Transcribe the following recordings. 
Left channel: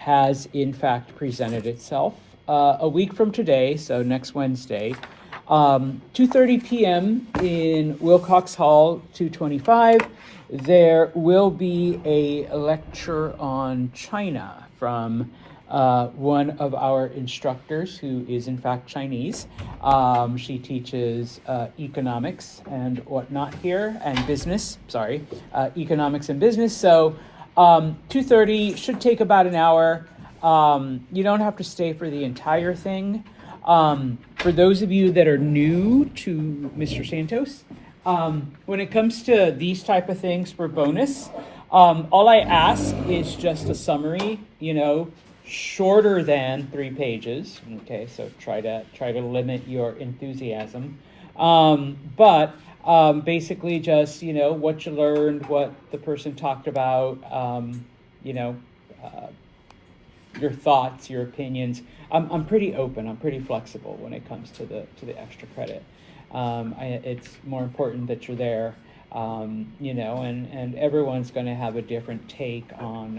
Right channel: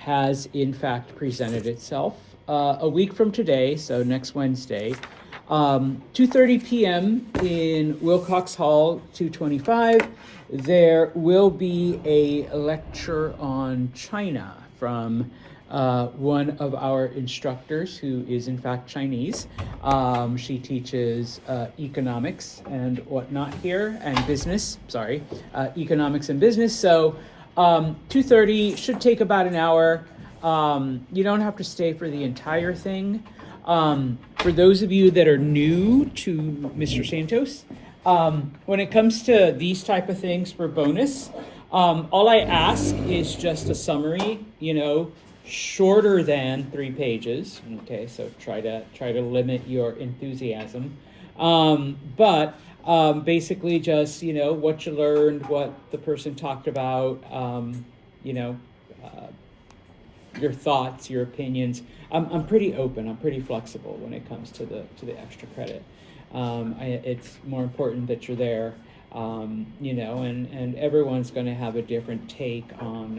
has in fact presented itself. A week from today, so next Wednesday, 2:30 p.m. in Wilcox Hall, 225, there will be a lecture on China from one of our instructors who is in fact Chinese. She teaches economics and whatnot here, and business, economics and business. So 2:30 should take about an hour. You don't have to stay for the entire thing. For those of you that are new to Mr. Santos, when it comes to these type of things for bonus, all I ask is just a summary, shorter than 3 pages. Okay, so try to limit your enthusiasm. But basically just, what you learned, what the person talked about, your thoughts, your opinions. I'm pretty open. I'm pretty flexible when it comes to the extra credit. It's more important that you're there, and everyone's going to have a different take on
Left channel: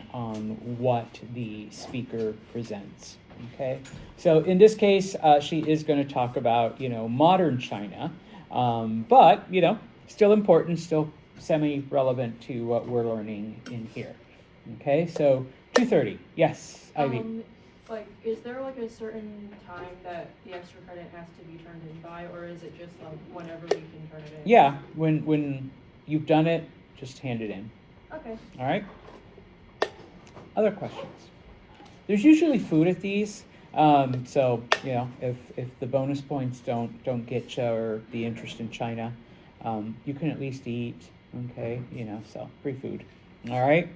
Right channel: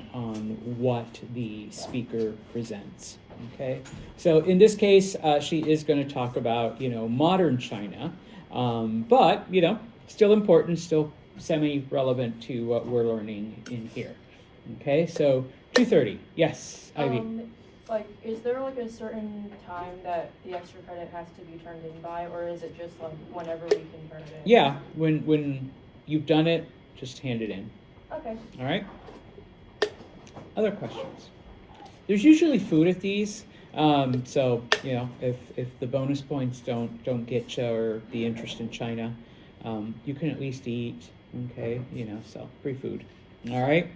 what the speaker presents. Okay, so in this case, she is going to talk about modern China, but still important, still semi-relevant to what we're learning in here. Okay, so 2:30. Yes, Ivy. Is there a certain time that the extra credit has to be turned in by, or is it just whenever we can turn it in? Yeah, when you've done it, just hand it in. Okay. All right. Other questions? There's usually food at these, so if the bonus points don't get you or the interest in China, you can at least eat. Okay, so free food. All right.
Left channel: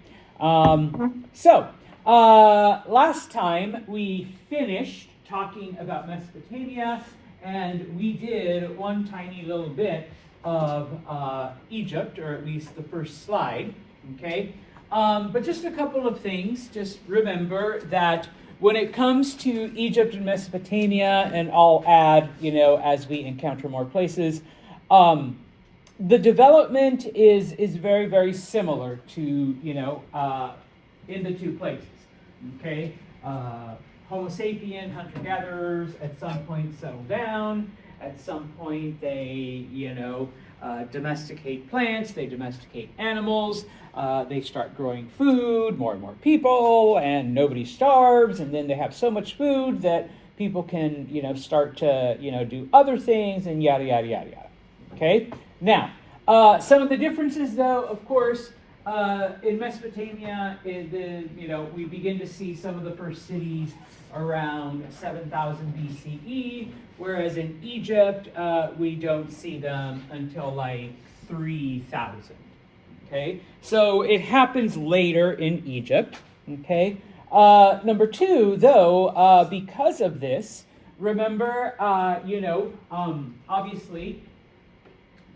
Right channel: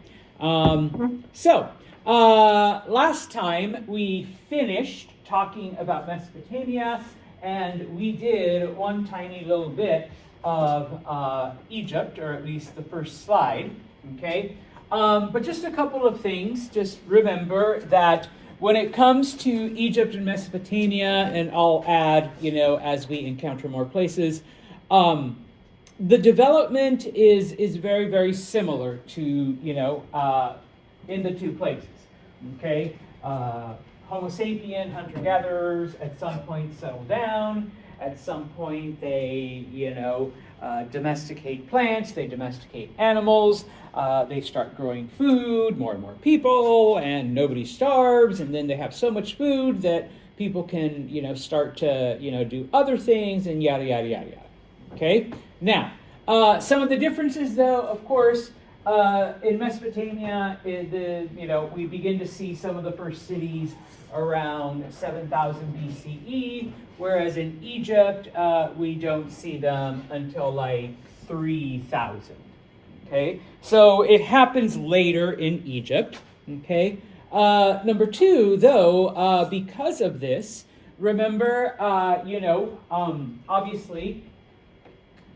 So last time we finished talking about Mesopotamia, and we did one tiny little bit of Egypt, or at least the first slide. Okay. But just a couple of things. Just remember that when it comes to Egypt and Mesopotamia, and I'll add, as we encounter more places, the development is very, very similar to, in the two places. Okay? Homo sapien, hunter-gatherers, at some point settle down. At some point they, domesticate plants, they domesticate animals, they start growing food, more and more people, and nobody starves, and then they have so much food that people can, start to, do other things, and yada, yada, yada, yada. Okay? Now, some of the differences, though, of course, in Mesopotamia, we begin to see some of the first cities around 7,000 BCE, whereas in Egypt, we don't see them until 3,000. Okay, so it happens later in Egypt. Okay, number two, though, because of this, remember, obviously,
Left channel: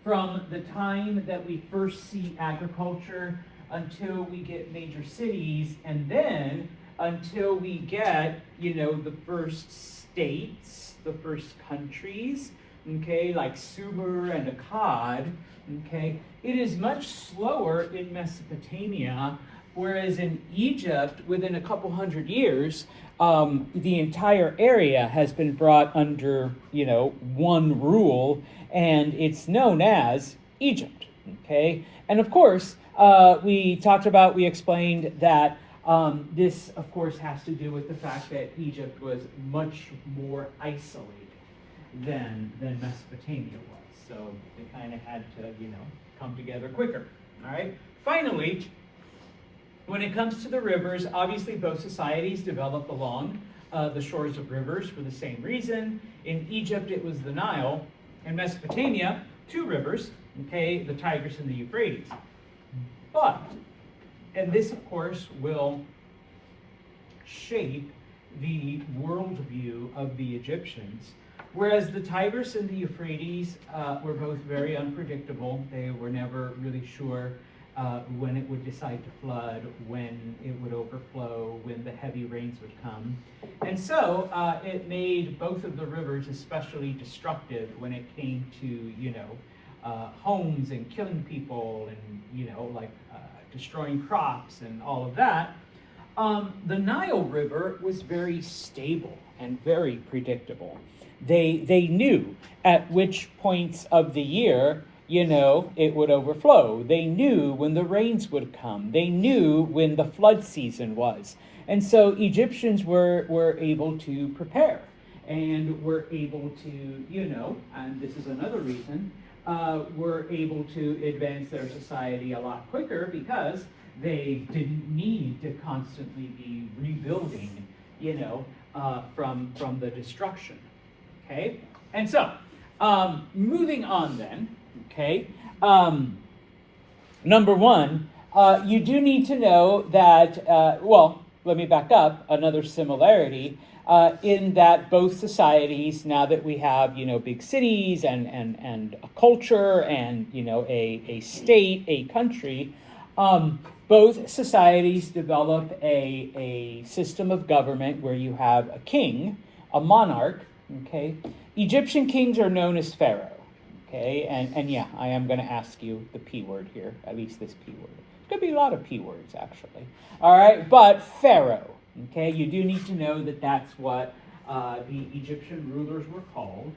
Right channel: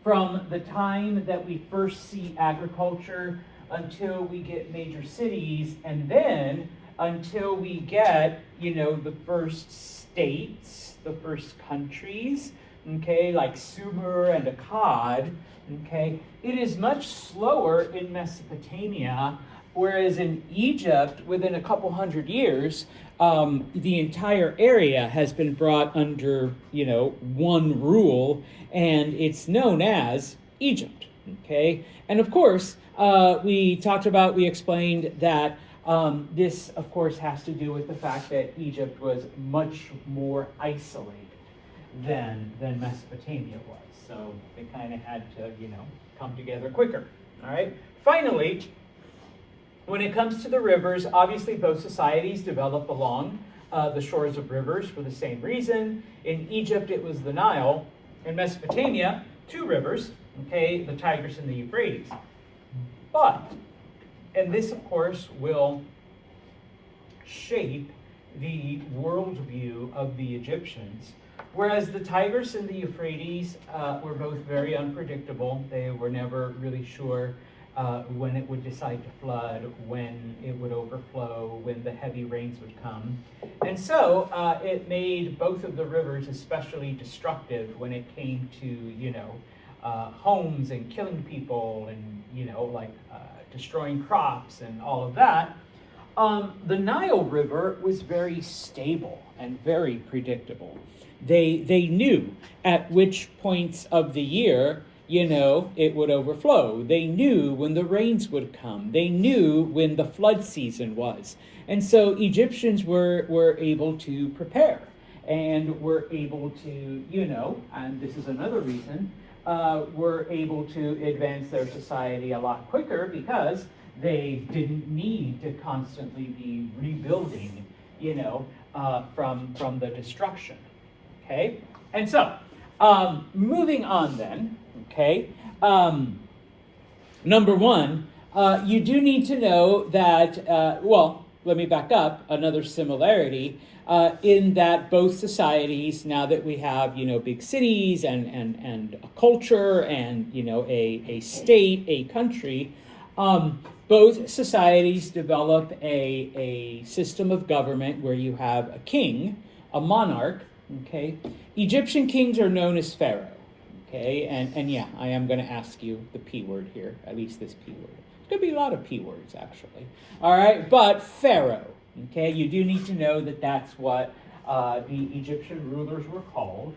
from the time that we first see agriculture until we get major cities, and then until we get, the first states, the first countries, okay, like Sumer and Akkad, okay, it is much slower in Mesopotamia, whereas in Egypt, within a couple hundred years, the entire area has been brought under, one rule, and it's known as Egypt, okay? And of course, we explained that this, of course, has to do with the fact that Egypt was much more isolated than Mesopotamia was. So they kind of had to, come together quicker, all right? Finally, when it comes to the rivers, obviously both societies develop along the shores of rivers for the same reason. In Egypt, it was the Nile. In Mesopotamia, 2 rivers, okay, the Tigris and the Euphrates. But, and this, of course, will shape the worldview of the Egyptians. Whereas the Tigris and the Euphrates were both very unpredictable. They were never really sure when it would decide to flood, when it would overflow, when the heavy rains would come. And so it made both of the rivers especially destructive when it came to, homes and killing people and, destroying crops and all of that. the Nile River was very stable and very predictable. They knew at which points of the year, it would overflow. They knew when the rains would come. They knew when the flood season was. And so Egyptians were able to prepare and were able to, and this is another reason, were able to advance their society a lot quicker because they didn't need to constantly be rebuilding, from the destruction. Okay? And so, moving on then, okay, number one, you do need to know that, let me back up, another similarity, in that both societies, now that we have, big cities and a culture and, a state, a country, both societies develop a system of government where you have a king, a monarch, okay? Egyptian kings are known as pharaoh, okay? And yeah, I am going to ask you the P word here, at least this P word. There's going to be a lot of P words, actually. All right, but pharaoh, okay? You do need to know that that's what the Egyptian rulers were called.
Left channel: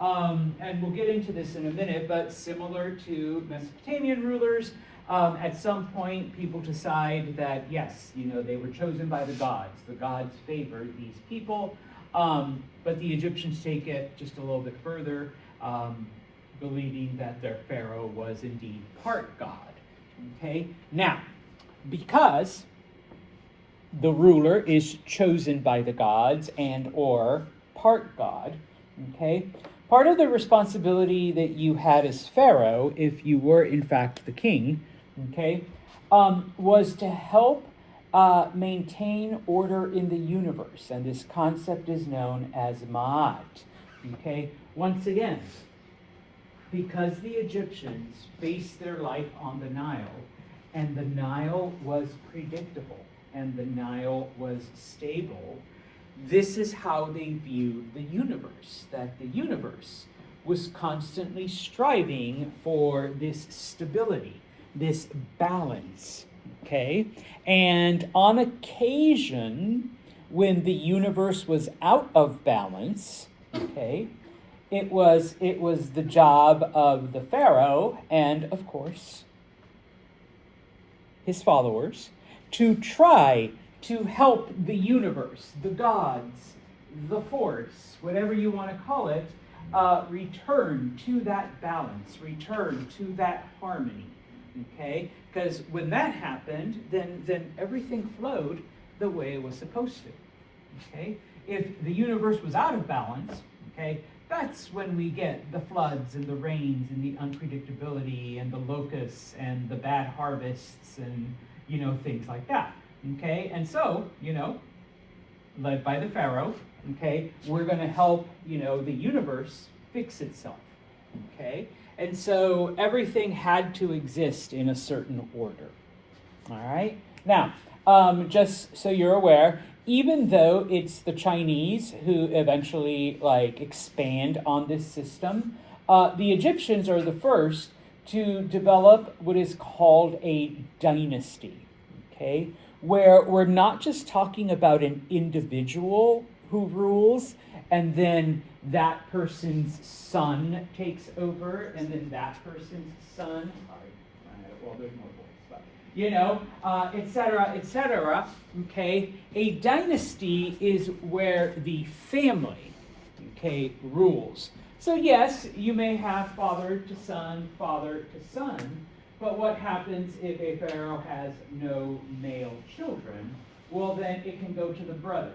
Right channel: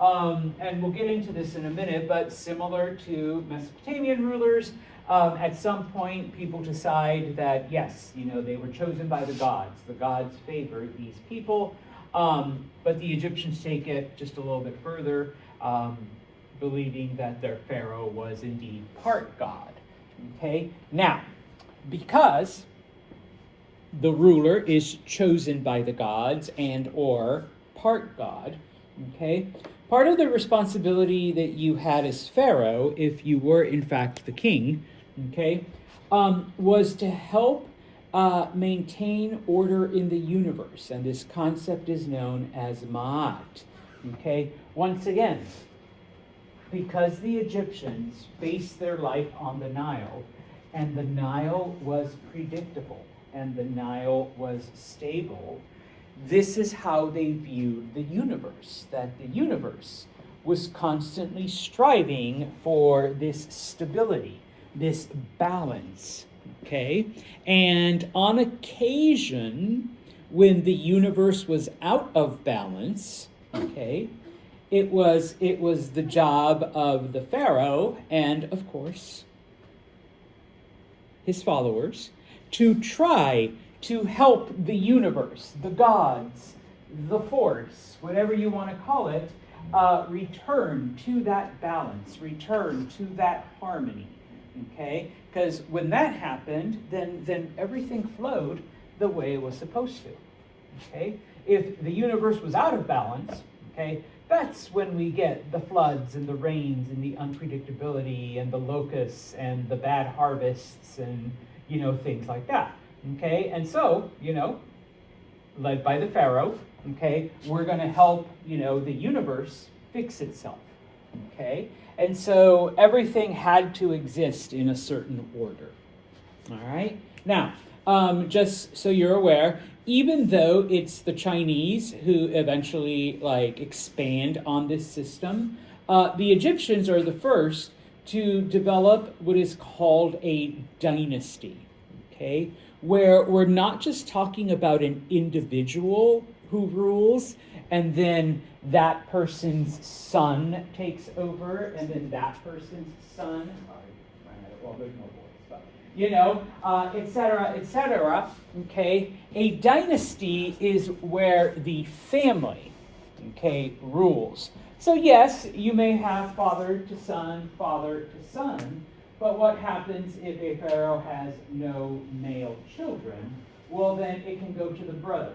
And we'll get into this in a minute, but similar to Mesopotamian rulers, at some point people decide that, yes, they were chosen by the gods. The gods favored these people. But the Egyptians take it just a little bit further, believing that their pharaoh was indeed part god. Okay? Now, because the ruler is chosen by the gods and or part god, okay, part of the responsibility that you had as pharaoh, if you were in fact the king, okay, was to help maintain order in the universe, and this concept is known as Ma'at. Okay, once again, because the Egyptians based their life on the Nile, and the Nile was predictable, and the Nile was stable, this is how they viewed the universe, that the universe was constantly striving for this stability, this balance. Okay, and on occasion, when the universe was out of balance, okay, it was the job of the pharaoh and, of course, his followers to try to help the universe, the gods, the force, whatever you want to call it, return to that balance, return to that harmony. Okay, because when that happened, then everything flowed the way it was supposed to. Okay, if the universe was out of balance, okay, that's when we get the floods and the rains and the unpredictability and the locusts and the bad harvests and things like that. Okay, and so led by the pharaoh, okay, we're going to help the universe fix itself. Okay. And so everything had to exist in a certain order. All right? Now, just so you're aware, even though it's the Chinese who eventually expand on this system, the Egyptians are the first to develop what is called a dynasty, okay? Where we're not just talking about an individual who rules, and then that person's son takes over, and then that person's son, there's no rules, but, et cetera, okay? A dynasty is where the family, okay, rules. So yes, you may have father to son, but what happens if a pharaoh has no male children? Well, then it can go to the brother.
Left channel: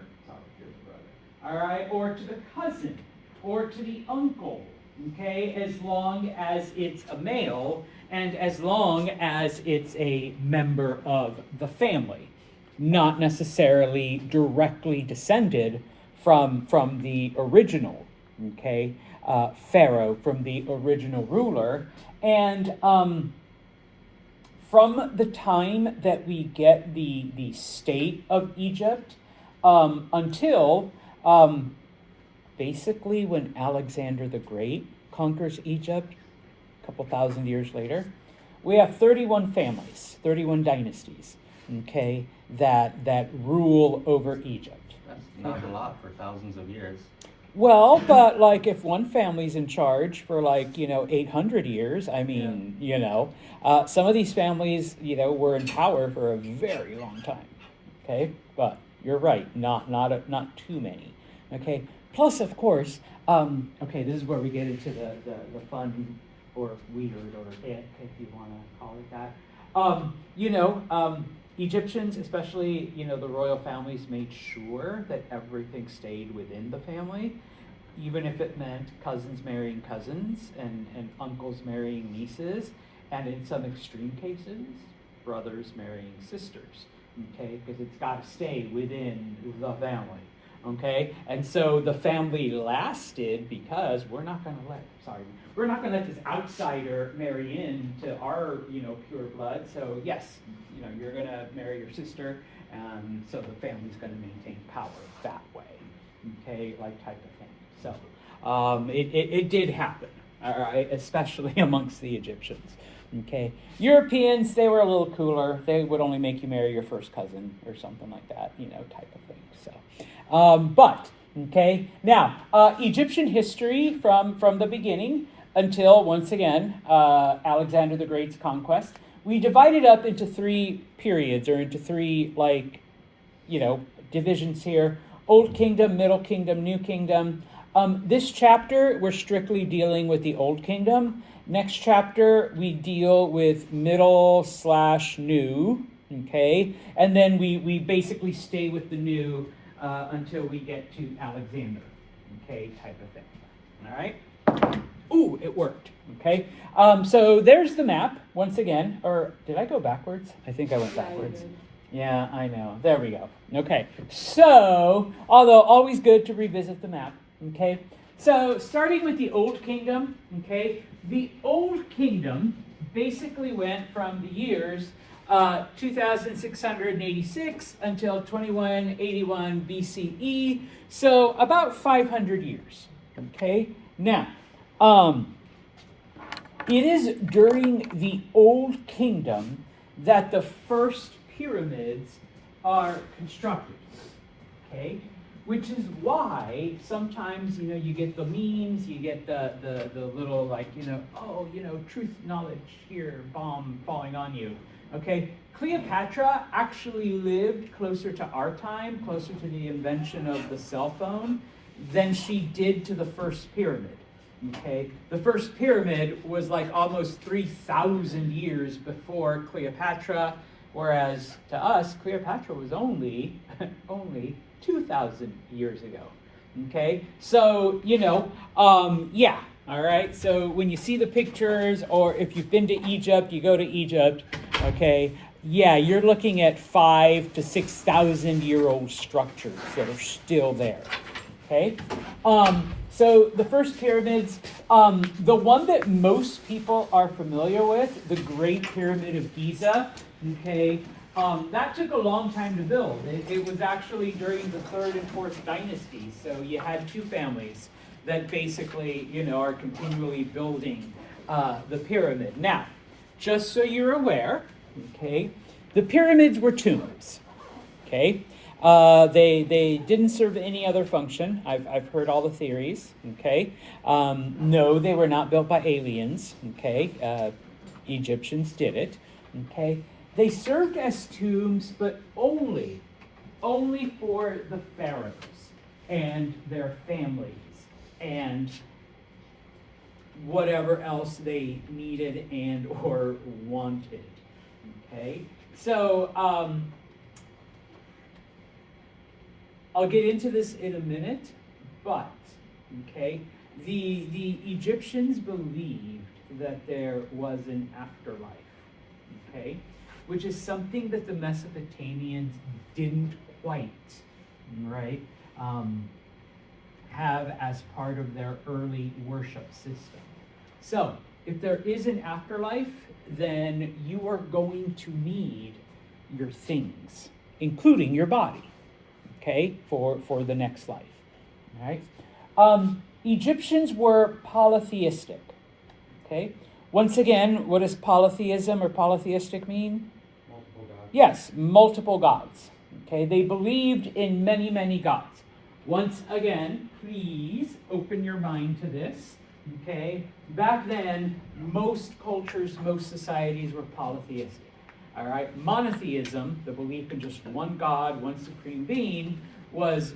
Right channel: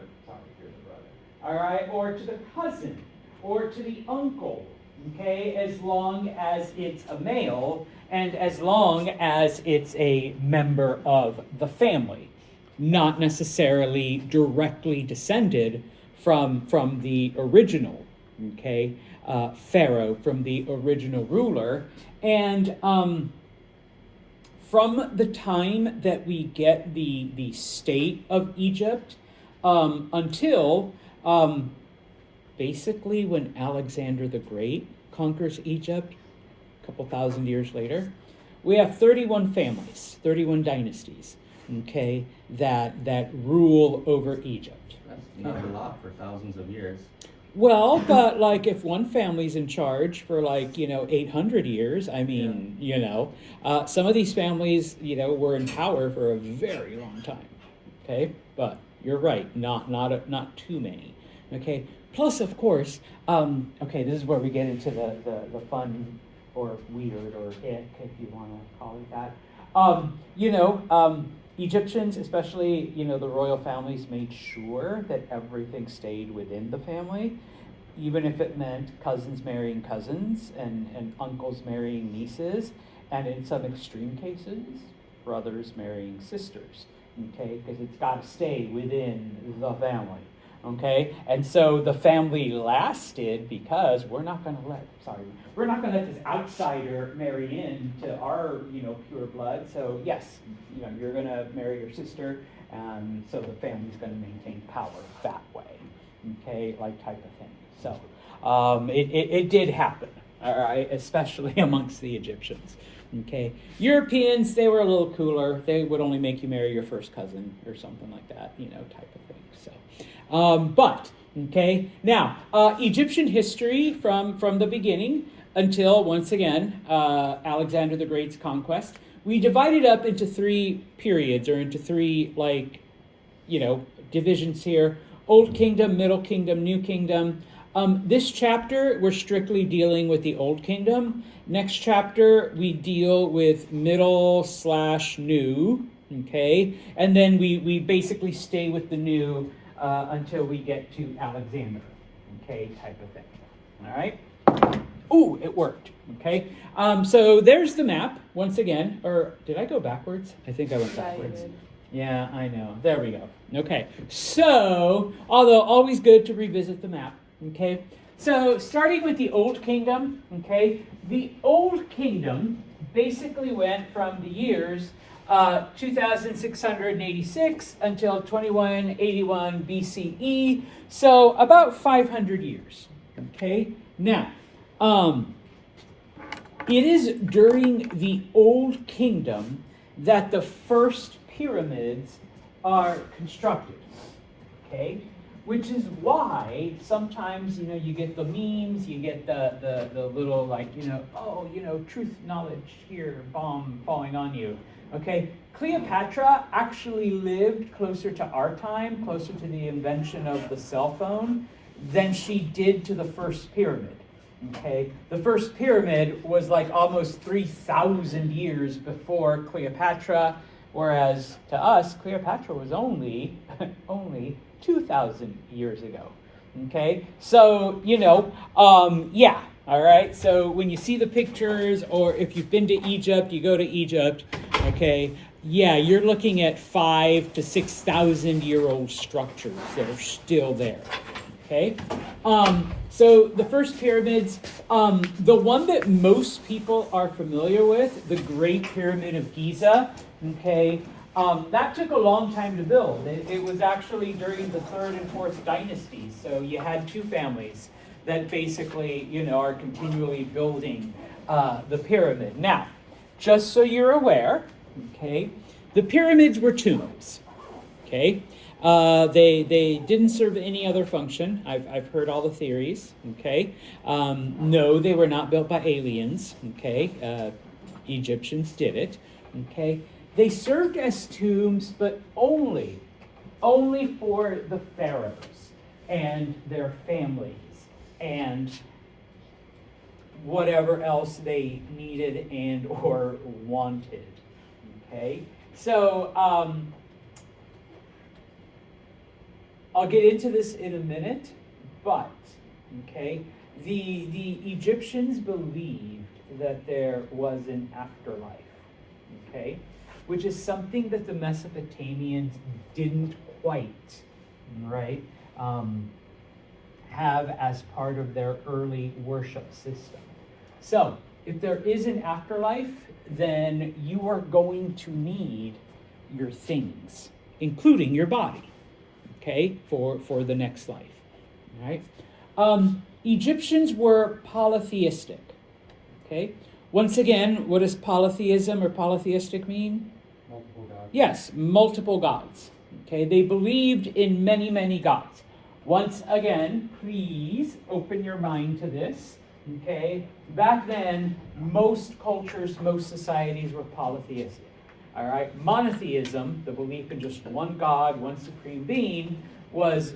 All right, or to the cousin, or to the uncle, okay, as long as it's a male, and as long as it's a member of the family, not necessarily directly descended from the original, okay, pharaoh, from the original ruler. And from the time that we get the state of Egypt until basically when Alexander the Great conquers Egypt a couple thousand years later, we have 31 families, 31 dynasties. okay, that rule over Egypt. That's not a lot for thousands of years. Well, but like if one family's in charge for like, 800 years, I mean, some of these families, were in power for a very long time. Okay, but you're right, not too many. Okay, plus of course, okay, this is where we get into the fun or weird or it, if you want to call it that. Egyptians, especially, the royal families, made sure that everything stayed within the family, even if it meant cousins marrying cousins and uncles marrying nieces, and in some extreme cases, brothers marrying sisters, okay, because it's got to stay within the family, okay? And so the family lasted because we're not going to let this outsider marry into our, pure blood. So yes, you're going to marry your sister, so the family's going to maintain power that way, okay, like type of thing. So it did happen, all right, especially amongst the Egyptians, okay. Europeans, they were a little cooler. They would only make you marry your first cousin or something like that, type of thing. So, but okay, now Egyptian history from the beginning until, once again, Alexander the Great's conquest. We divided up into three periods, or into three, divisions here: Old Kingdom, Middle Kingdom, New Kingdom. This chapter, we're strictly dealing with the Old Kingdom. Next chapter, we deal with Middle/New, okay? And then we basically stay with the New until we get to Alexander, okay, type of thing, all right? Ooh, it worked, okay? So there's the map, once again. Or did I go backwards? I think I went backwards. Yeah, I know. There we go. Okay, so, although always good to revisit the map, okay? So starting with the Old Kingdom, okay? The Old Kingdom basically went from the years 2686 until 2181 BCE, so about 500 years, okay? Now, it is during the Old Kingdom that the first pyramids are constructed, okay? Which is why sometimes, you get the memes, you get the little truth knowledge here, bomb falling on you, okay? Cleopatra actually lived closer to our time, closer to the invention of the cell phone, than she did to the first pyramid. Okay, the first pyramid was like almost 3,000 years before Cleopatra, whereas to us, Cleopatra was only 2,000 years ago. Okay, so yeah, all right. So when you see the pictures, or if you've been to Egypt, you go to Egypt. Okay, yeah, you're looking at 5,000 to 6,000 year old structures that are still there. Okay, so the first pyramids, the one that most people are familiar with, the Great Pyramid of Giza, okay, that took a long time to build. It was actually during the 3rd and 4th dynasties, so you had two families that basically, are continually building the pyramid. Now, just so you're aware, okay, the pyramids were tombs, okay? They didn't serve any other function. I've heard all the theories, okay? No, they were not built by aliens, okay? Egyptians did it, okay? They served as tombs, but only for the pharaohs and their families and whatever else they needed and or wanted, okay? So, I'll get into this in a minute, but, okay, the Egyptians believed that there was an afterlife, okay, which is something that the Mesopotamians didn't quite, right, have as part of their early worship system. So, if there is an afterlife, then you are going to need your things, including your body, okay, for the next life, all right? Egyptians were polytheistic, okay? Once again, what does polytheism or polytheistic mean? Multiple gods. yes, multiple gods. Okay, they believed in many, many gods. Once again, please open your mind to this. Okay, back then, most cultures, most societies were polytheistic. All right, monotheism, the belief in just one God, one supreme being, was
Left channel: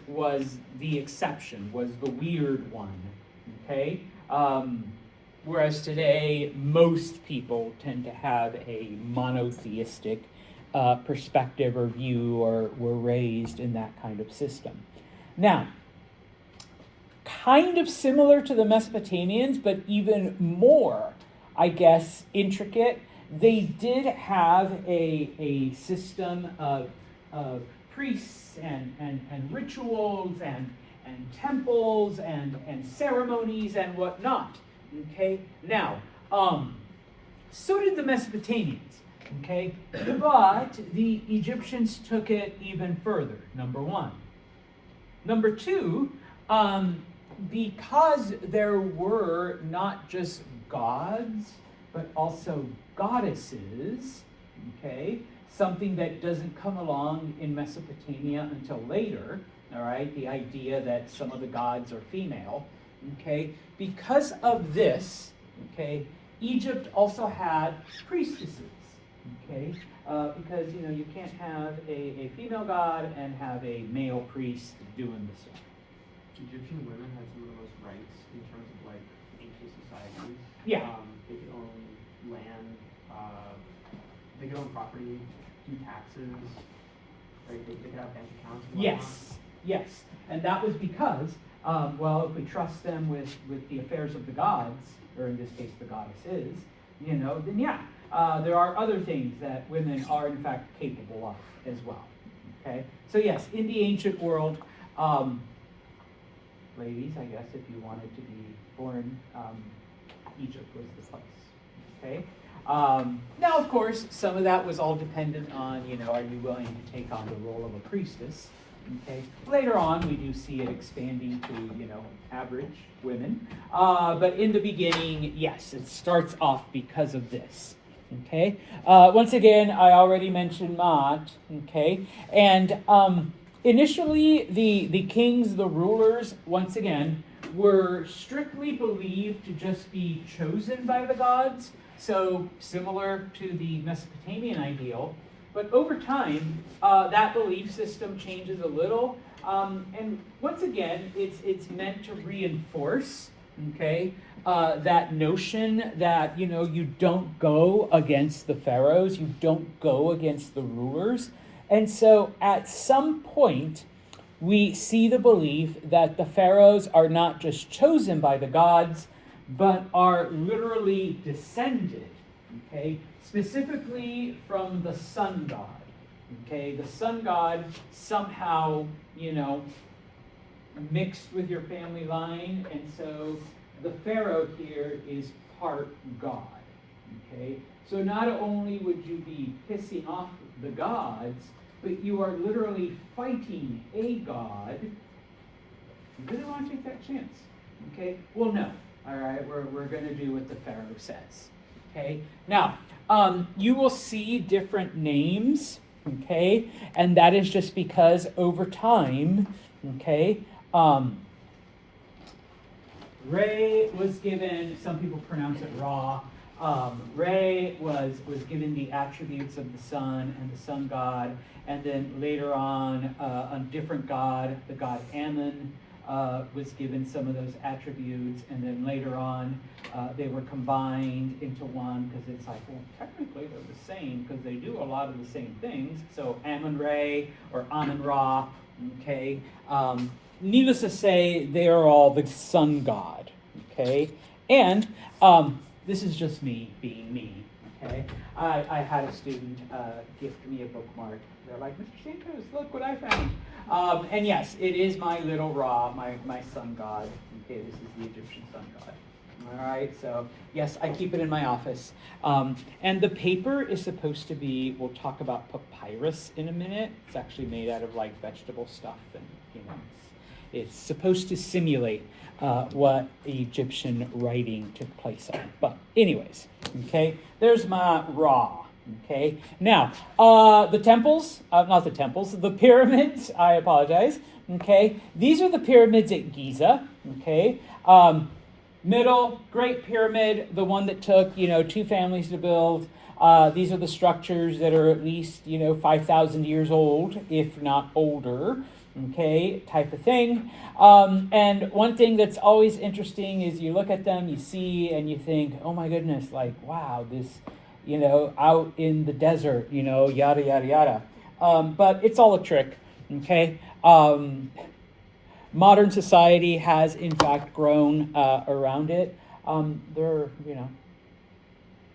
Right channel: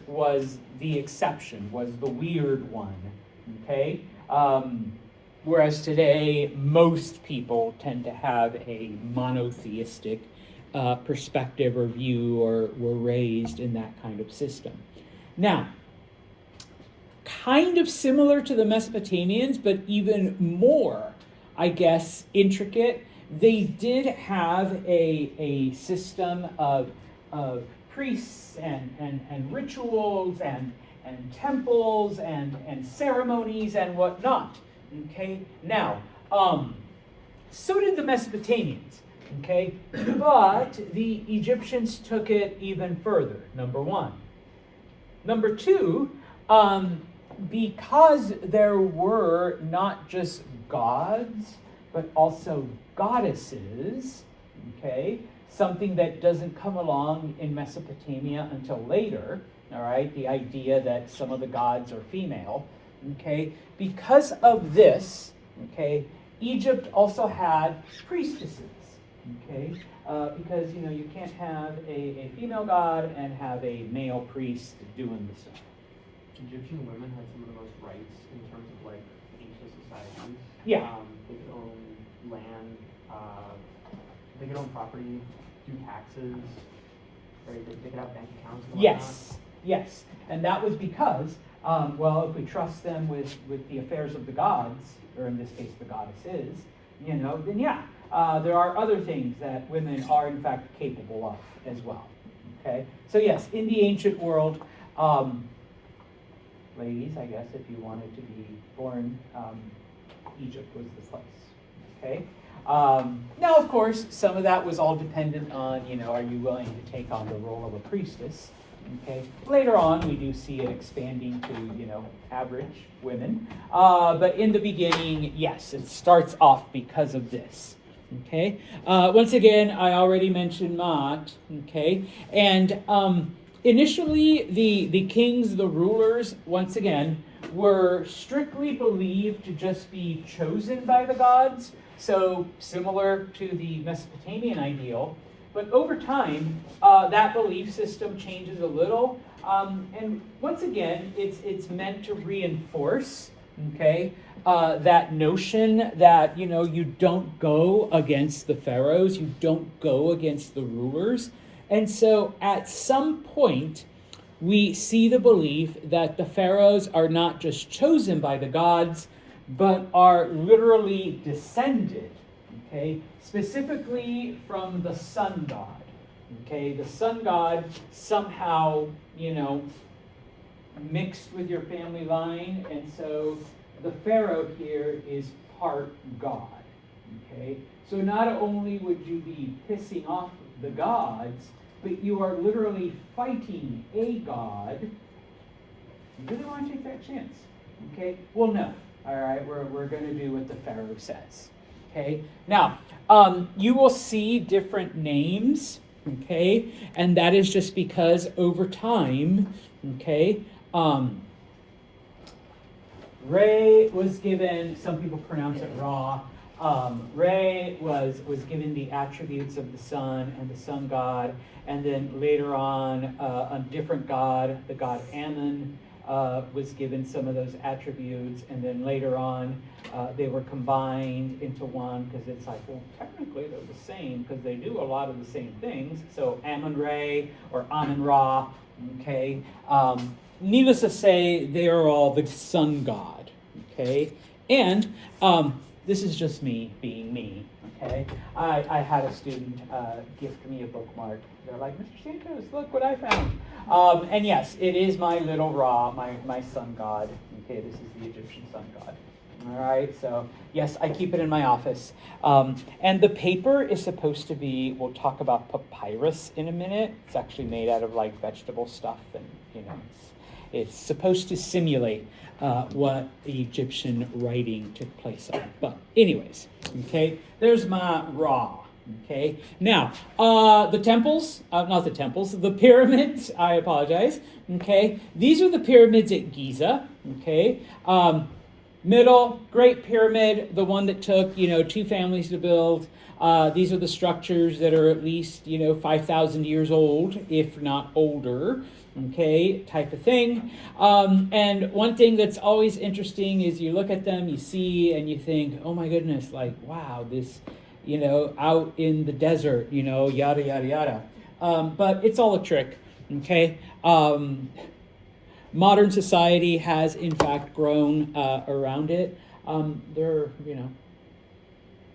the exception, was the weird one. Okay, whereas today, most people tend to have a monotheistic perspective or view, or were raised in that kind of system. Now, kind of similar to the Mesopotamians, but even more, I guess, intricate, they did have a system of priests and rituals and temples and ceremonies and whatnot. Okay, now, so did the Mesopotamians. Okay, but the Egyptians took it even further, number one. Number two, because there were not just gods, but also goddesses, okay, something that doesn't come along in Mesopotamia until later, all right, the idea that some of the gods are female, okay, because of this, okay, Egypt also had priestesses, okay, because, you know, you can't have a female god and have a male priest doing the same. Egyptian women had some of the most rights in terms of like ancient societies. Yeah. They could own land, they could own property, do taxes, right? They could have bank accounts and whatnot. Yes, and that was because, well, if we trust them with the affairs of the gods, or in this case the goddesses, you know, then yeah, there are other things that women are in fact capable of as well. Okay, so yes, in the ancient world, ladies, I guess, if you wanted to be born, Egypt was the place. Okay. Now, of course, some of that was all dependent on, you know, are you willing to take on the role of a priestess? Okay. Later on, we do see it expanding to, you know, average women. But in the beginning, yes, it starts off because of this. Okay. Once again, I already mentioned Maat. Okay. And initially, the kings, the rulers, once again, were strictly believed to just be chosen by the gods, so similar to the Mesopotamian ideal. But over time, that belief system changes a little, and once again, it's meant to reinforce, okay, that notion that, you know, you don't go against the pharaohs, you don't go against the rulers. And so at some point, we see the belief that the pharaohs are not just chosen by the gods, but are literally descended, okay, specifically from the sun god. Okay, the sun god somehow, you know, mixed with your family line, and so the pharaoh here is part god. Okay, so not only would you be pissing off the gods, but you are literally fighting a god. You really want to take that chance? Okay, well, no. All right, we're going to do what the pharaoh says. Okay, now you will see different names. Okay, and that is just because over time, okay, Re was given, some people pronounce it Ra. Re was given the attributes of the sun and the sun god, and then later on, a different god, the god Ammon, was given some of those attributes, and then later on, they were combined into one, because it's like, well, technically they're the same, because they do a lot of the same things. So Ammon-Re or Ammon-Ra, okay? Needless to say, they are all the sun god, okay? And this is just me being me, okay? I had a student gift me a bookmark. They're like, Mr. Santos, look what I found. And yes, it is my little Ra, my sun god. Okay, this is the Egyptian sun god. All right, so yes, I keep it in my office. And the paper is supposed to be, we'll talk about papyrus in a minute. It's actually made out of like vegetable stuff, and you know, it's supposed to simulate what Egyptian writing took place on. But anyways, okay, there's my Ra, Okay, now, the temples, not the temples, the pyramids, I apologize. Okay, these are the pyramids at Giza. Okay, middle, Great Pyramid, the one that took, 2 families to build. These are the structures that are at least, 5,000 years old, if not older. Okay, type of thing. And one thing that's always interesting is you look at them, you see, and you think, oh my goodness, like, wow, this, out in the desert, yada, yada, yada. But it's all a trick, okay? Modern society has, in fact, grown around it. Can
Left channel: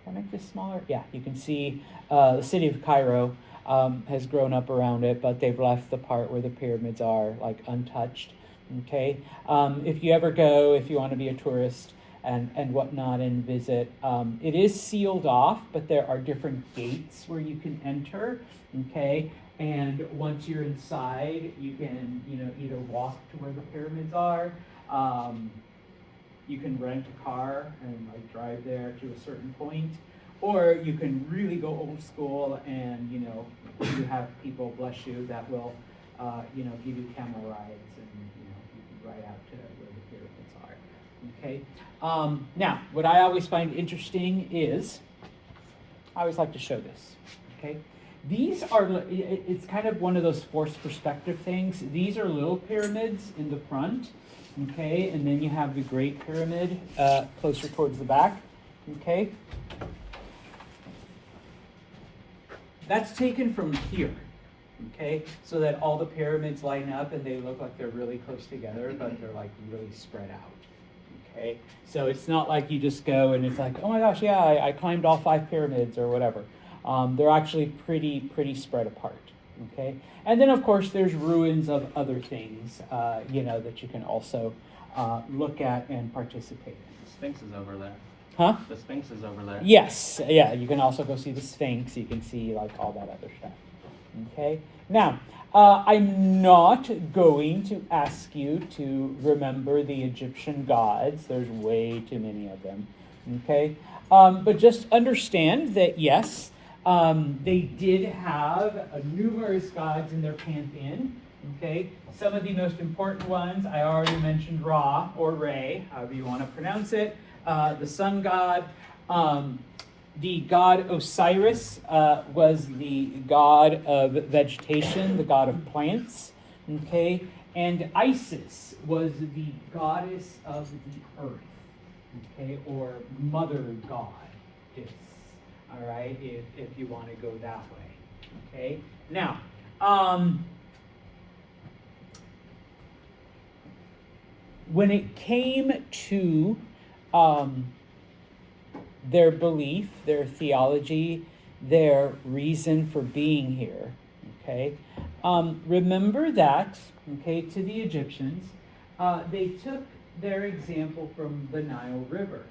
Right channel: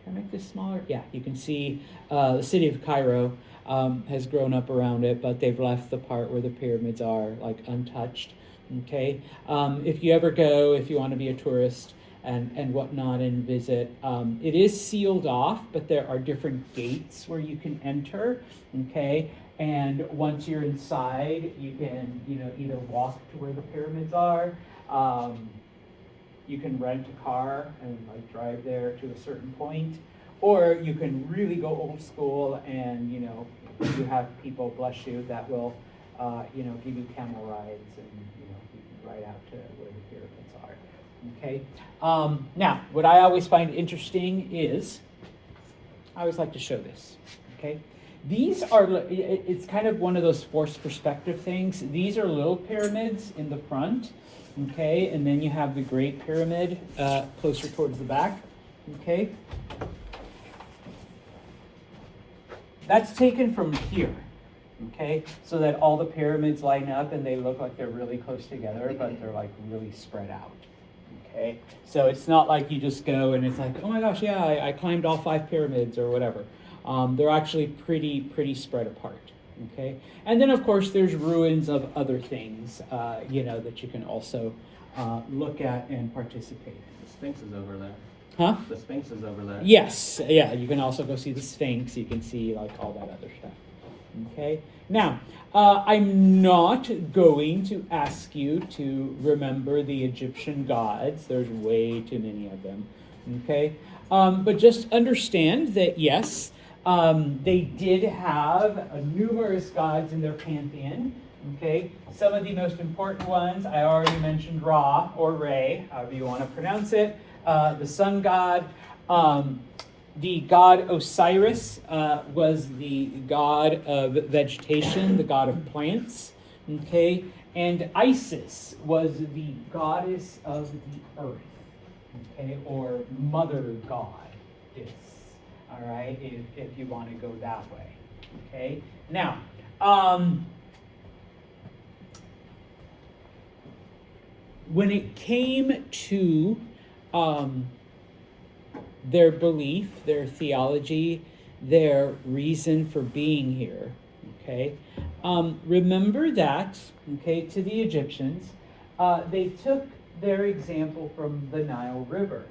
I make this smaller? Yeah, you can see the city of Cairo has grown up around it, but they've left the part where the pyramids are, like, untouched, okay? If you ever go, if you want to be a tourist, and whatnot and visit. It is sealed off, but there are different gates where you can enter, okay? And once you're inside, you can, either walk to where the pyramids are, you can rent a car and like drive there to a certain point, or you can really go old school and, you have people, bless you, that will, give you camera rides and, you can ride out to where the pyramids are. Okay. Now, what I always find interesting is, I always like to show this. Okay. These are, it's kind of one of those forced perspective things. These are little pyramids in the front. Okay. And then you have the Great Pyramid closer towards the back. Okay. That's taken from here. Okay. So that all the pyramids line up and they look like they're really close together, but they're like really spread out. Okay, so it's not like you just go and it's like, oh my gosh, yeah, I climbed all 5 pyramids or whatever. They're actually pretty spread apart. Okay, and then of course there's ruins of other things, that you can also look at and participate in. The Sphinx is over there. Huh? The Sphinx is over there. Yes, yeah, you can also go see the Sphinx. You can see like all that other stuff. Okay, now I'm not going to ask you to remember the Egyptian gods. There's way too many of them. Okay, but just understand that yes, they did have numerous gods in their pantheon. Okay, some of the most important ones I already mentioned: Ra or Re, however you want to pronounce it, the sun god. The god Osiris was the god of vegetation, the god of plants, okay? And Isis was the goddess of the earth, okay? Or mother goddess, all right? If you want to go that way, okay? Now, when it came to their belief, their theology, their reason for being here, okay? Remember that, okay, to the Egyptians, they took their example from the Nile River.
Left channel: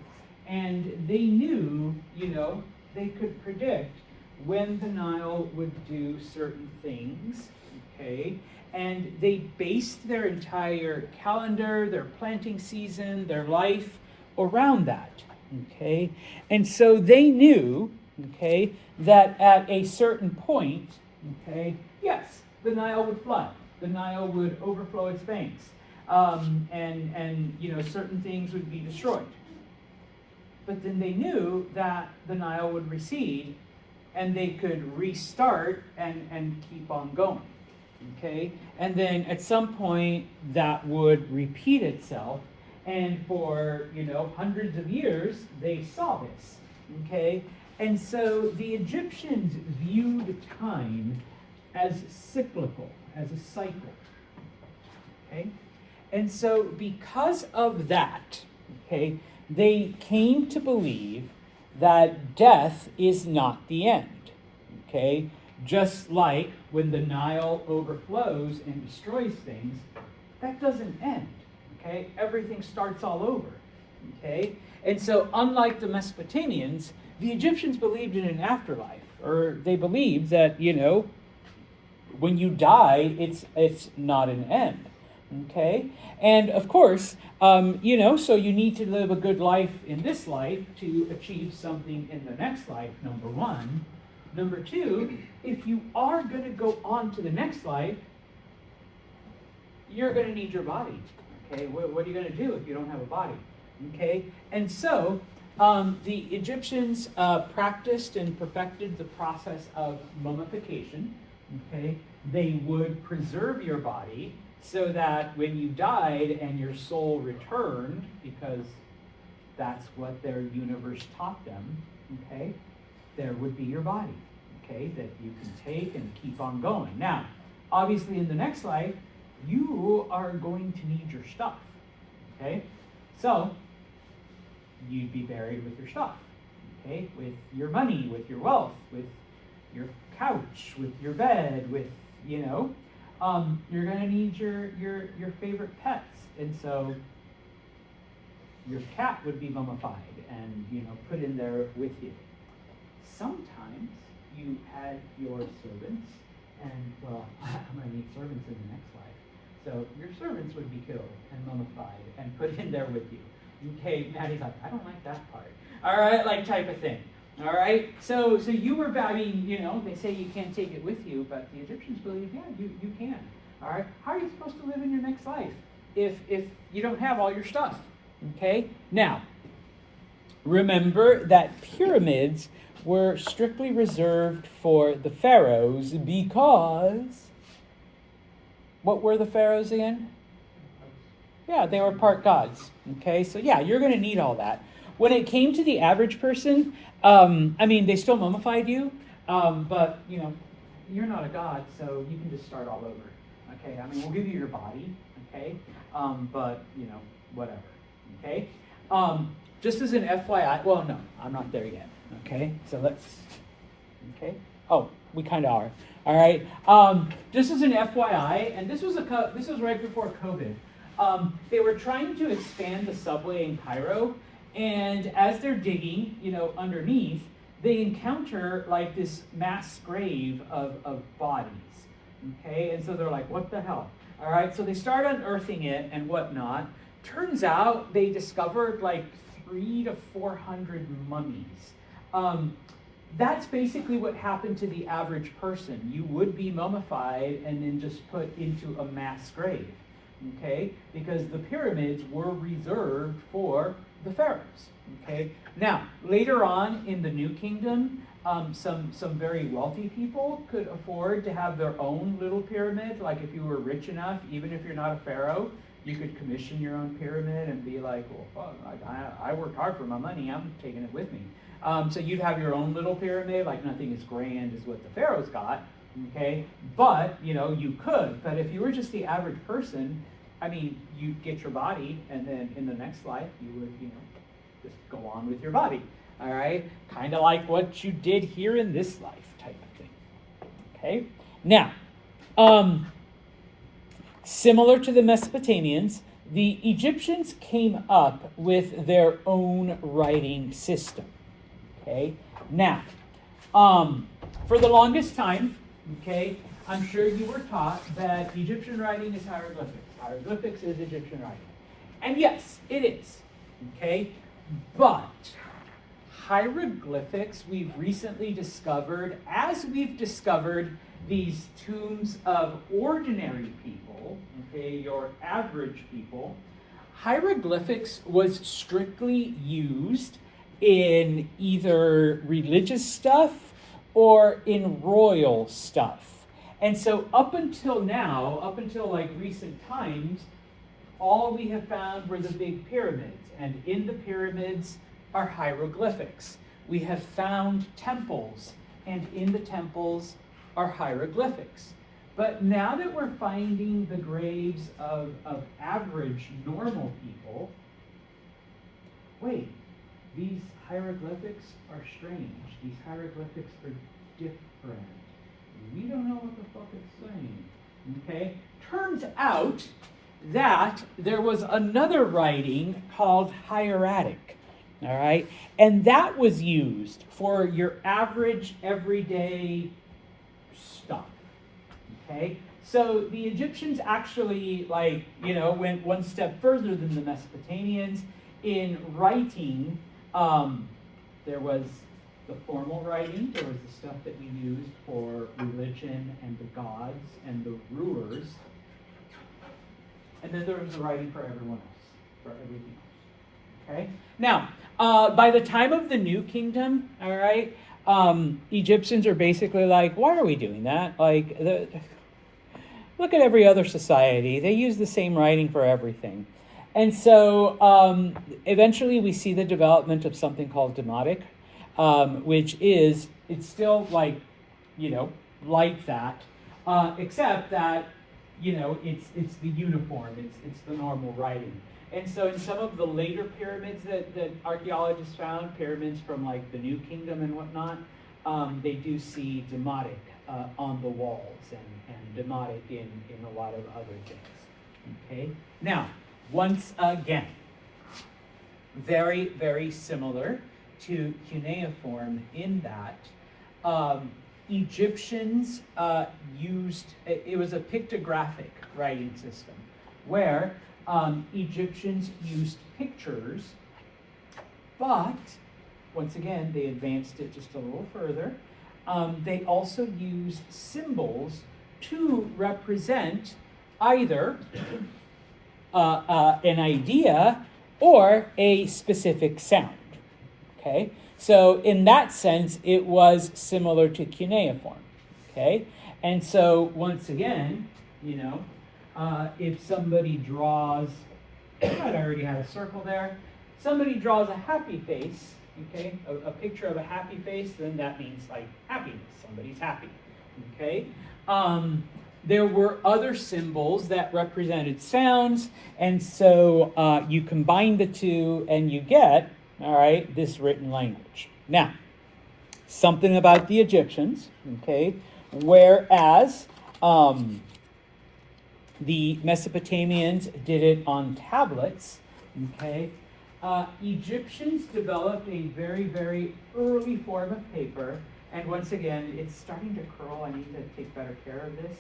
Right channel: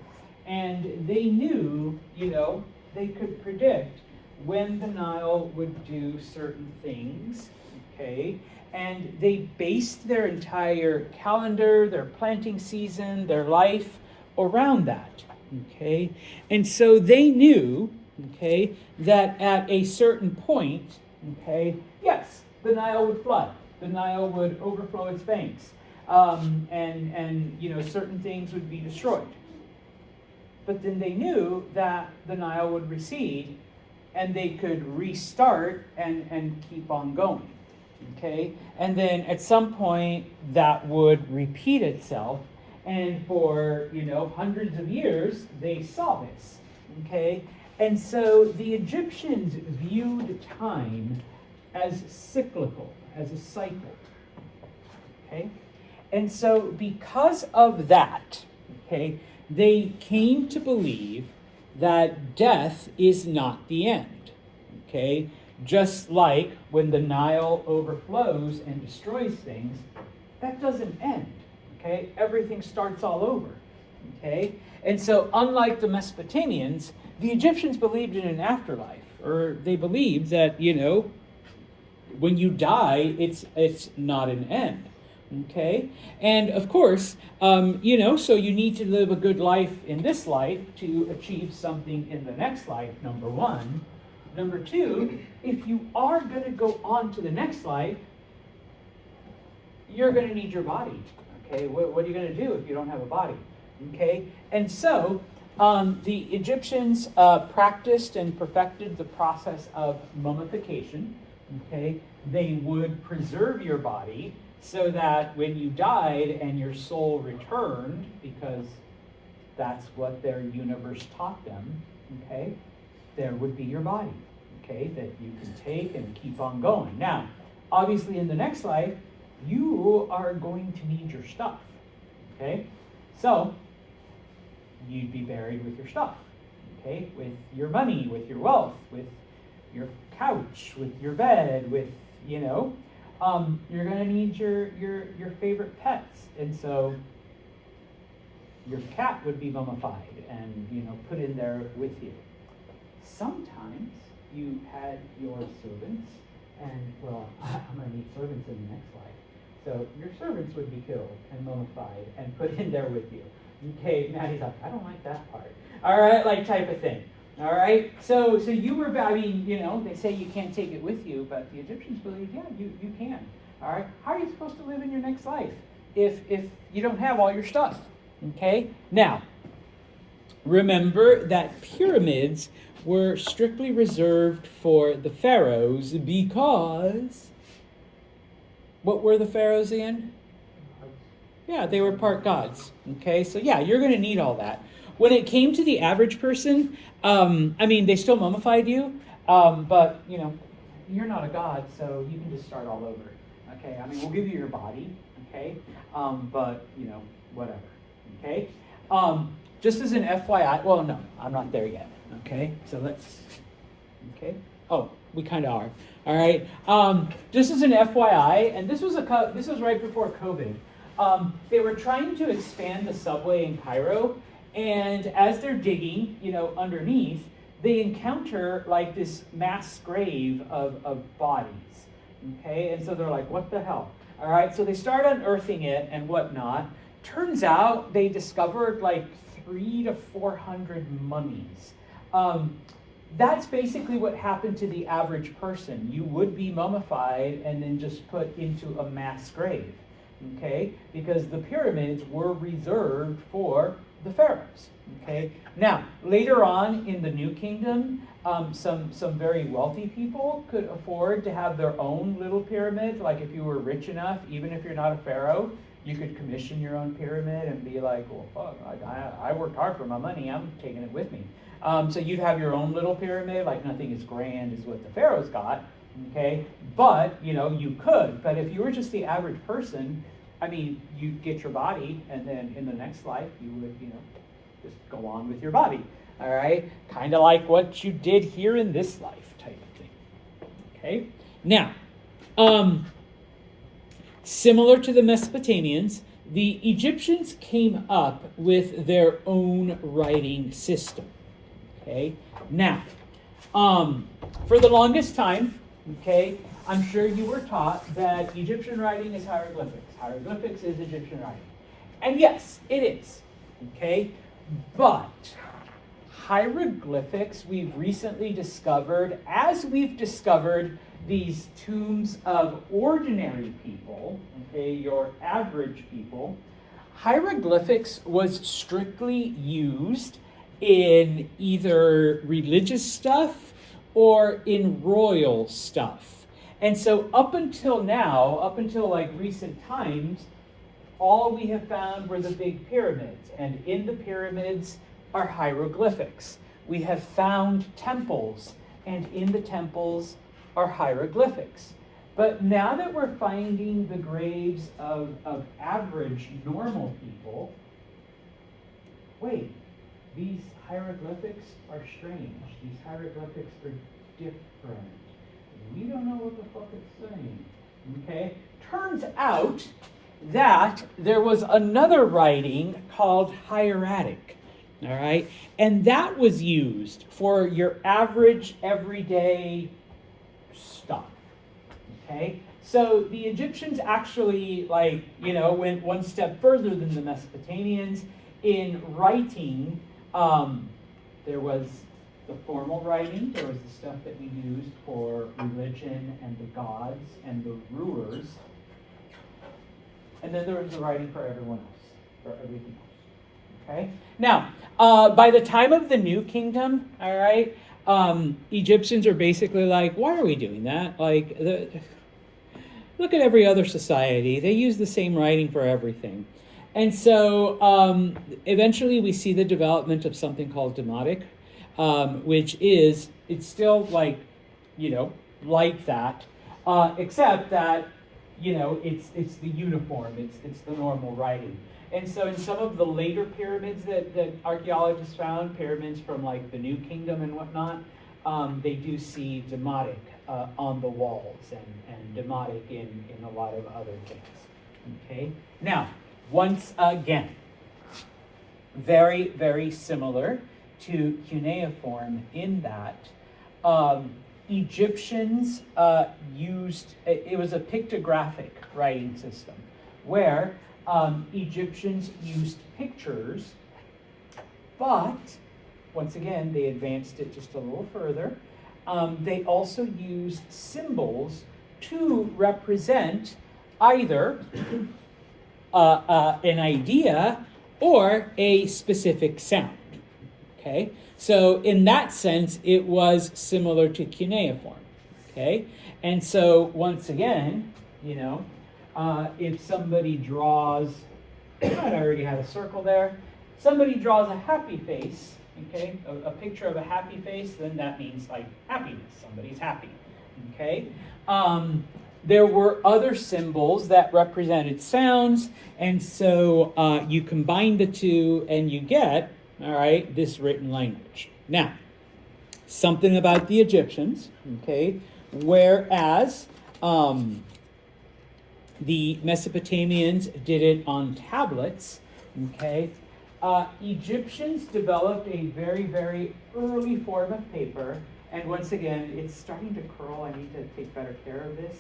And they knew, they could predict when the Nile would do certain things, okay? And they based their entire calendar, their planting season, their life around that. Okay, and so they knew, okay, that at a certain point, okay, yes, the Nile would flood, the Nile would overflow its banks, and certain things would be destroyed. But then they knew that the Nile would recede, and they could restart and keep on going. Okay, and then at some point that would repeat itself. And for, hundreds of years, they saw this, okay? And so the Egyptians viewed time as cyclical, as a cycle, okay? And so because of that, okay, they came to believe that death is not the end, okay? Just like when the Nile overflows and destroys things, that doesn't end. Okay, everything starts all over. Okay, and so unlike the Mesopotamians, the Egyptians believed in an afterlife, or they believed that when you die, it's not an end. Okay, and of course, so you need to live a good life in this life to achieve something in the next life. Number one, Number two, if you are going to go on to the next life, you're going to need your body. Okay, what are you going to do if you don't have a body? Okay, and so the Egyptians practiced and perfected the process of mummification. Okay, they would preserve your body so that when you died and your soul returned, because that's what their universe taught them, okay, there would be your body, okay, that you can take and keep on going. Now, obviously in the next life, you are going to need your stuff, okay? So, you'd be buried with your stuff, okay? With your money, with your wealth, with your couch, with your bed, with, you know, you're gonna need your favorite pets. And so, your cat would be mummified and, you know, put in there with you. Sometimes you had your servants, and, well, I'm gonna need servants in the next life. So your servants would be killed and mummified and put in there with you. Okay, Maddie's like, I don't like that part. All right, like type of thing. All right, so you were, I mean, you know, they say you can't take it with you, but the Egyptians believe, yeah, you can. All right, how are you supposed to live in your next life if you don't have all your stuff? Okay, now, remember that pyramids were strictly reserved for the pharaohs because, what were the pharaohs in? Yeah, they were part gods. Okay, so yeah, you're going to need all that. When it came to the average person, I mean, they still mummified you, but, you know, you're not a god, so you can just start all over. Okay, I mean, we'll give you your body, okay, but, you know, whatever. Okay, just as an FYI, well, no, I'm not there yet. Okay, so let's, okay, oh, we kind of are. All right, just as an FYI, and this was right before COVID. They were trying to expand the subway in Cairo, and as they're digging, you know, underneath, they encounter like this mass grave of bodies. Okay, and so they're like, what the hell? All right, so they start unearthing it and whatnot. Turns out they discovered like 300 to 400 mummies. That's basically what happened to the average person. You would be mummified and then just put into a mass grave, okay? Because the pyramids were reserved for the pharaohs, okay? Now, later on in the New Kingdom, some very wealthy people could afford to have their own little pyramid. Like if you were rich enough, even if you're not a pharaoh, you could commission your own pyramid and be like, well, I worked hard for my money, I'm taking it with me. So you'd have your own little pyramid, like nothing as grand as what the pharaohs got, okay? But, you know, you could. But if you were just the average person, I mean, you'd get your body, and then in the next life, you would, you know, just go on with your body, all right? Kind of like what you did here in this life type of thing, okay? Now, similar to the Mesopotamians, the Egyptians came up with their own writing system. Okay, now, for the longest time, okay, I'm sure you were taught that Egyptian writing is hieroglyphics. Hieroglyphics is Egyptian writing. And yes, it is, okay, but hieroglyphics we've recently discovered, as we've discovered these tombs of ordinary people, okay, your average people, hieroglyphics was strictly used in either religious stuff or in royal stuff. And so up until now, up until like recent times, all we have found were the big pyramids. And in the pyramids are hieroglyphics. We have found temples, and in the temples are hieroglyphics. But now that we're finding the graves of average, normal people, wait, these hieroglyphics are strange. These hieroglyphics are different. We don't know what the fuck it's saying. Okay? Turns out that there was another writing called hieratic. All right? And that was used for your average, everyday stuff. Okay? So the Egyptians actually, like, you know, went one step further than the Mesopotamians in writing. There was the formal writing. There was the stuff that we used for religion and the gods and the rulers. And then there was the writing for everyone else, for everything else. Okay? Now, by the time of the New Kingdom, all right, Egyptians are basically like, why are we doing that? Like, look at every other society. They use the same writing for everything. And so eventually we see the development of something called Demotic, which is, it's still like, like that, except that, it's the uniform, it's the normal writing. And so in some of the later pyramids that archaeologists found, pyramids from like the New Kingdom and whatnot, they do see Demotic on the walls and Demotic in a lot of other things. Okay? Now, once again, very, very similar to cuneiform in that Egyptians used, it was a pictographic writing system where Egyptians used pictures, but once again, they advanced it just a little further. They also used symbols to represent either an idea or a specific sound. Okay, so in that sense, it was similar to cuneiform. Okay, and so once again, if somebody draws, I already have a circle there. Somebody draws a happy face, okay, a picture of a happy face, then that means like happiness. Somebody's happy, okay. There were other symbols that represented sounds, and so you combine the two and you get, all right, this written language. Now, something about the Egyptians, okay, whereas the Mesopotamians did it on tablets, okay, Egyptians developed a very, very early form of paper, and once again, it's starting to curl. I need to take better care of this.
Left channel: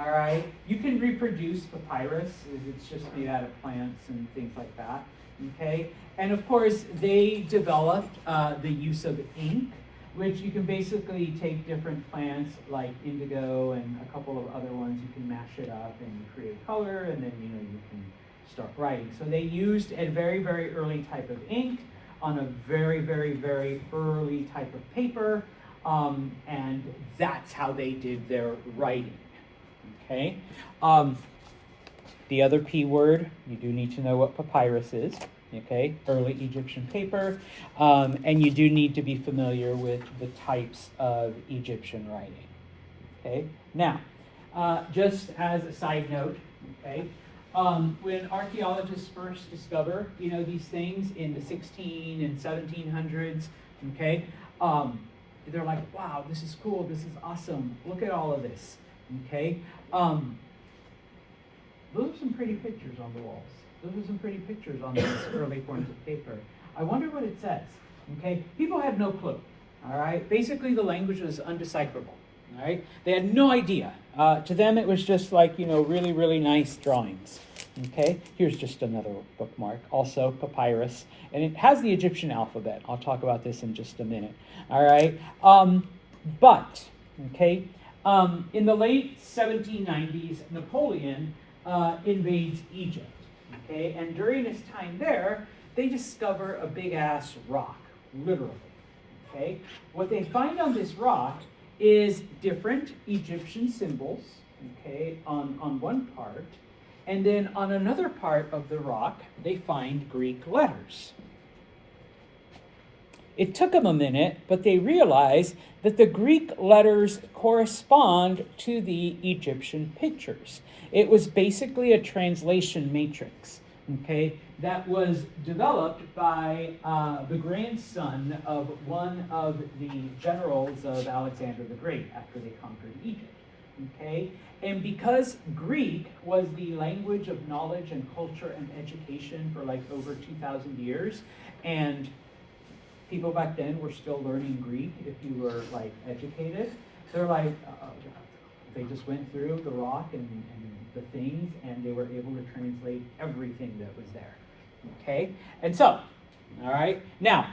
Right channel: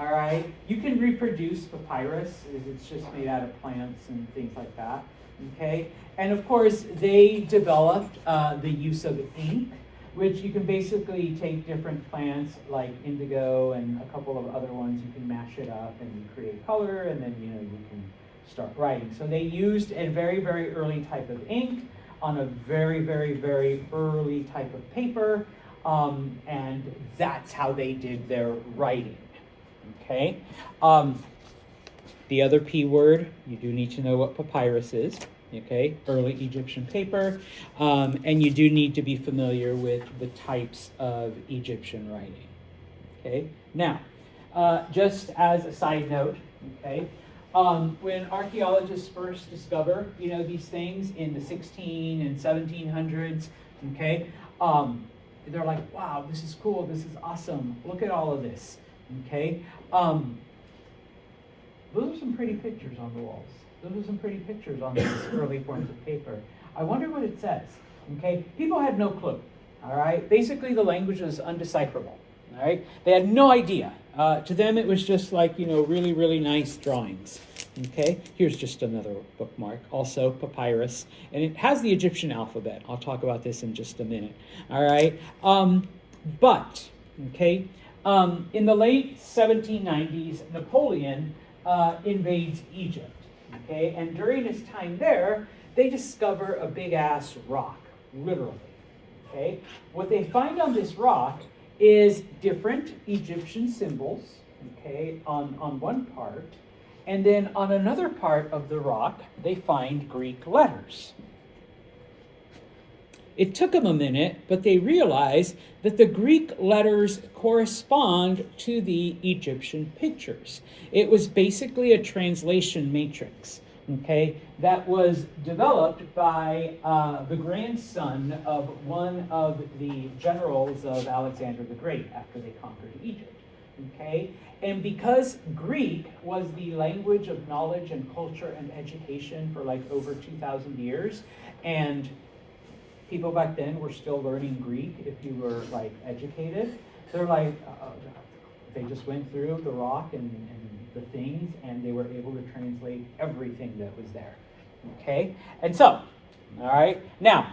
All right, you can reproduce papyrus. It's just made out of plants and things like that. Okay, and of course they developed the use of ink, which you can basically take different plants like indigo and a couple of other ones. You can mash it up and create color, and then you can start writing. So they used a very, very early type of ink on a very, very, very early type of paper, and that's how they did their writing. Okay. The other P word, you do need to know what papyrus is. Okay, early Egyptian paper, and you do need to be familiar with the types of Egyptian writing. Okay, now, just as a side note, okay, when archaeologists first discover, these things in the 16 and 1700s, okay, they're like, wow, this is cool, this is awesome, look at all of this, okay. Those are some pretty pictures on the walls. Those are some pretty pictures on these early forms of paper. I wonder what it says, okay? People had no clue, all right? Basically, the language was undecipherable, all right? They had no idea. To them, it was just like, really, really nice drawings, okay? Here's just another bookmark, also papyrus, and it has the Egyptian alphabet. I'll talk about this in just a minute, all right? In the late 1790s, Napoleon invades Egypt. Okay, and during his time there, they discover a big-ass rock, literally. Okay, what they find on this rock is different Egyptian symbols, okay, on one part, and then on another part of the rock, they find Greek letters. It took them a minute, but they realized that the Greek letters correspond to the Egyptian pictures. It was basically a translation matrix, okay, that was developed by the grandson of one of the generals of Alexander the Great after they conquered Egypt, okay? And because Greek was the language of knowledge and culture and education for like over 2,000 years, and people back then were still learning Greek if you were like educated. They're like, they just went through the rock and the things, and they were able to translate everything that was there. Okay? And so, All right. Now,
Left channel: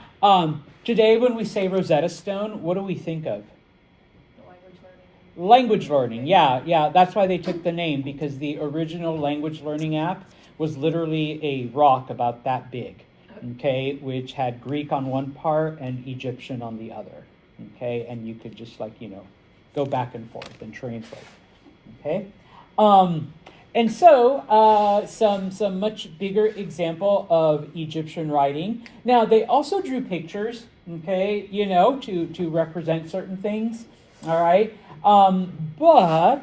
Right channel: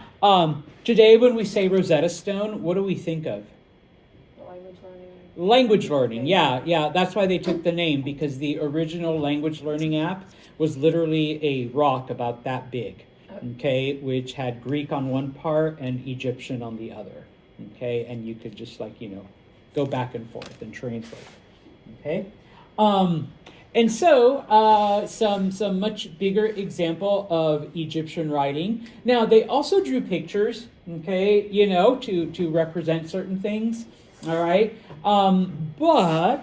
today when we say Rosetta Stone, what do we think of? Language learning. Language learning. Yeah. That's why they took the name, because the original language learning app was literally a rock about that big. Okay, which had Greek on one part and Egyptian on the other. Okay, and you could just go back and forth and translate. Okay, and so some much bigger example of Egyptian writing. Now they also drew pictures. Okay, to represent certain things. All right, but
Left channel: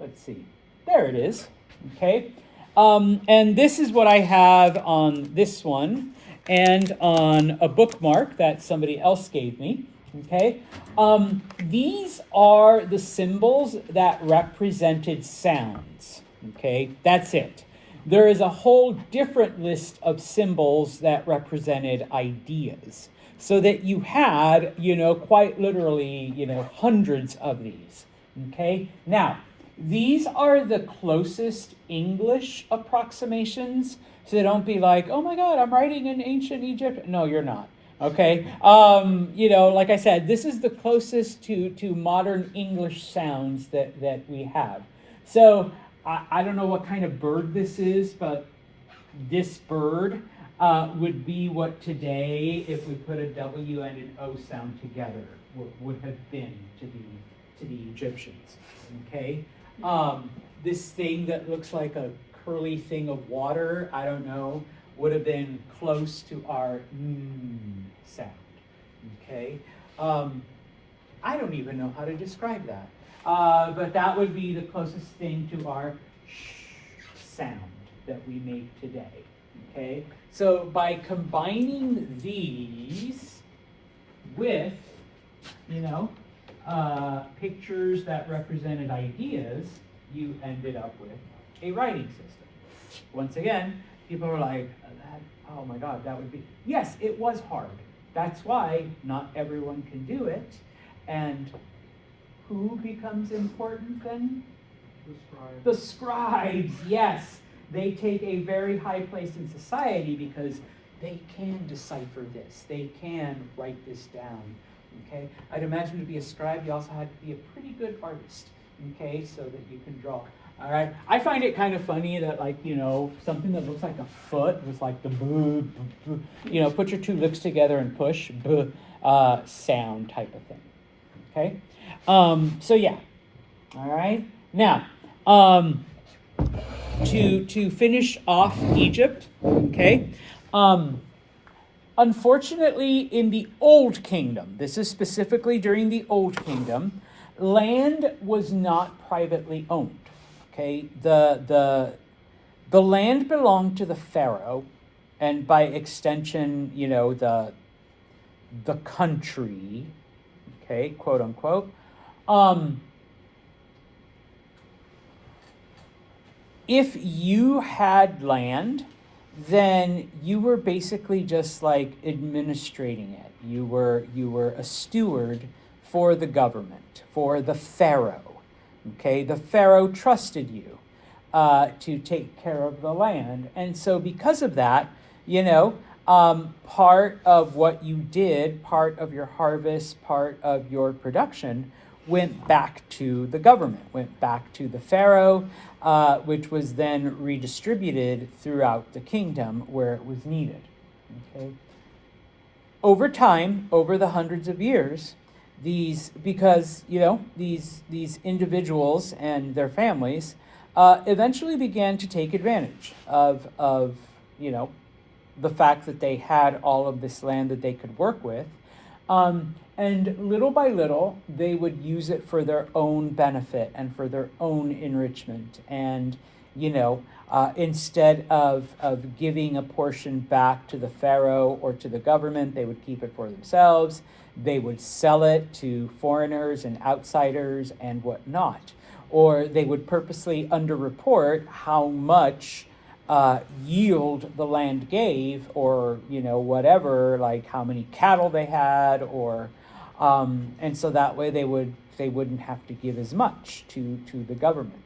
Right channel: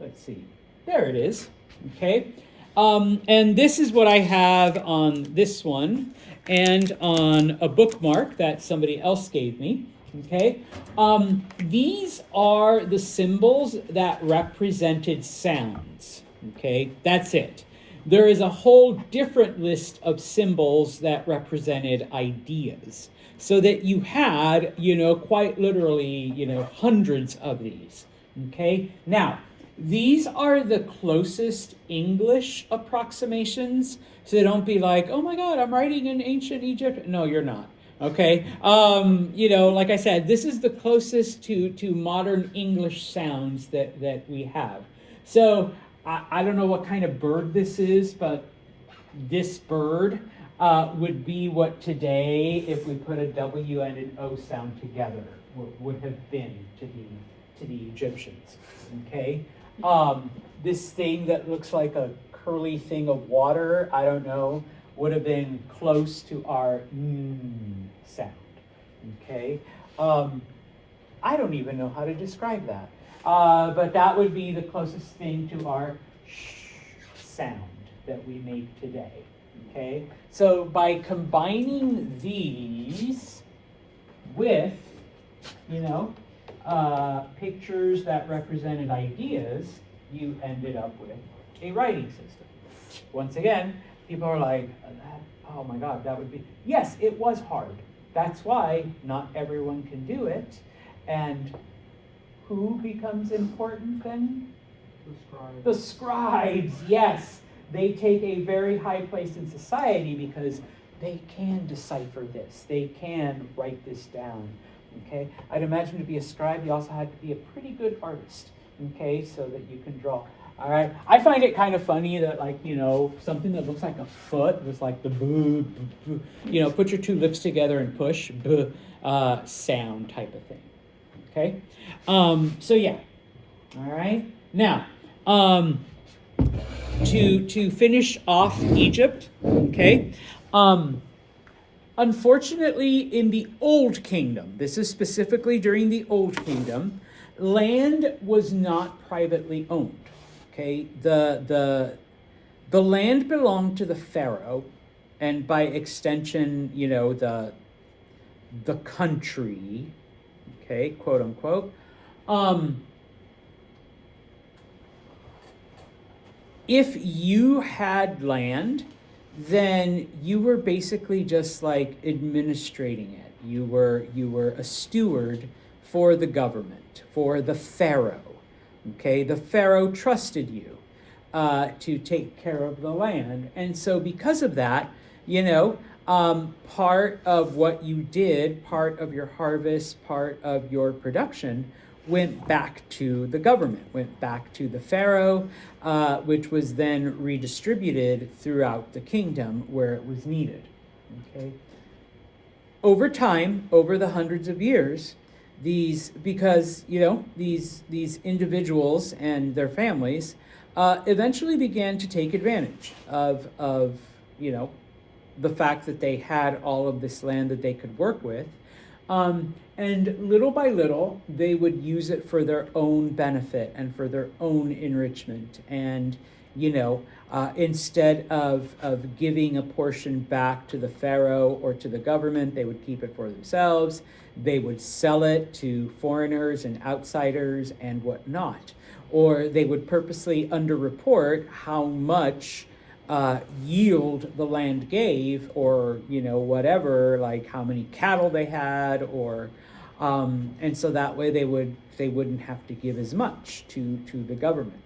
let's see. There it is. Okay, and this is what I have on this one. And on a bookmark that somebody else gave me, okay? These are the symbols that represented sounds, okay? That's it. There is a whole different list of symbols that represented ideas. So that you had, quite literally, hundreds of these, okay? Now, these are the closest English approximations. So don't be like, oh my God, I'm writing in ancient Egypt. No, you're not. Okay. Like I said, this is the closest to modern English sounds that we have. So I don't know what kind of bird this is, but this bird would be what today, if we put a W and an O sound together, would have been to the Egyptians. Okay. This thing that looks like a curly thing of water, I don't know, would have been close to our sound. Okay? I don't even know how to describe that. But that would be the closest thing to our sh sound that we make today. Okay? So by combining these with, pictures that represented ideas, you ended up with a writing system. Once again, people are like, oh my God, that would be... Yes, it was hard. That's why not everyone can do it. And who becomes important then? The scribe. The scribes, yes. They take a very high place in society because they can decipher this. They can write this down. Okay? I'd imagine to be a scribe, you also had to be a pretty good artist. Okay? So that you can draw. All right. I find it kind of funny that, something that looks like a foot with the boo, put your two lips together and push, sound type of thing. Okay. So yeah. All right. Now, to finish off Egypt. Okay. Unfortunately, in the Old Kingdom, this is specifically during the Old Kingdom, land was not privately owned. Okay, the land belonged to the pharaoh, and by extension, the country, okay, quote unquote. If you had land, then you were basically just administrating it. You were a steward for the government, for the pharaoh. Okay, the pharaoh trusted you to take care of the land. And so because of that, part of what you did, part of your harvest, part of your production went back to the government, went back to the pharaoh, which was then redistributed throughout the kingdom where it was needed. Okay. Over time, over the hundreds of years, these individuals and their families eventually began to take advantage of the fact that they had all of this land that they could work with, and little by little they would use it for their own benefit and for their own enrichment. And instead of giving a portion back to the pharaoh or to the government, they would keep it for themselves. They would sell it to foreigners and outsiders and whatnot. Or they would purposely underreport how much yield the land gave, or whatever, like how many cattle they had, or and so that way they wouldn't have to give as much to the government.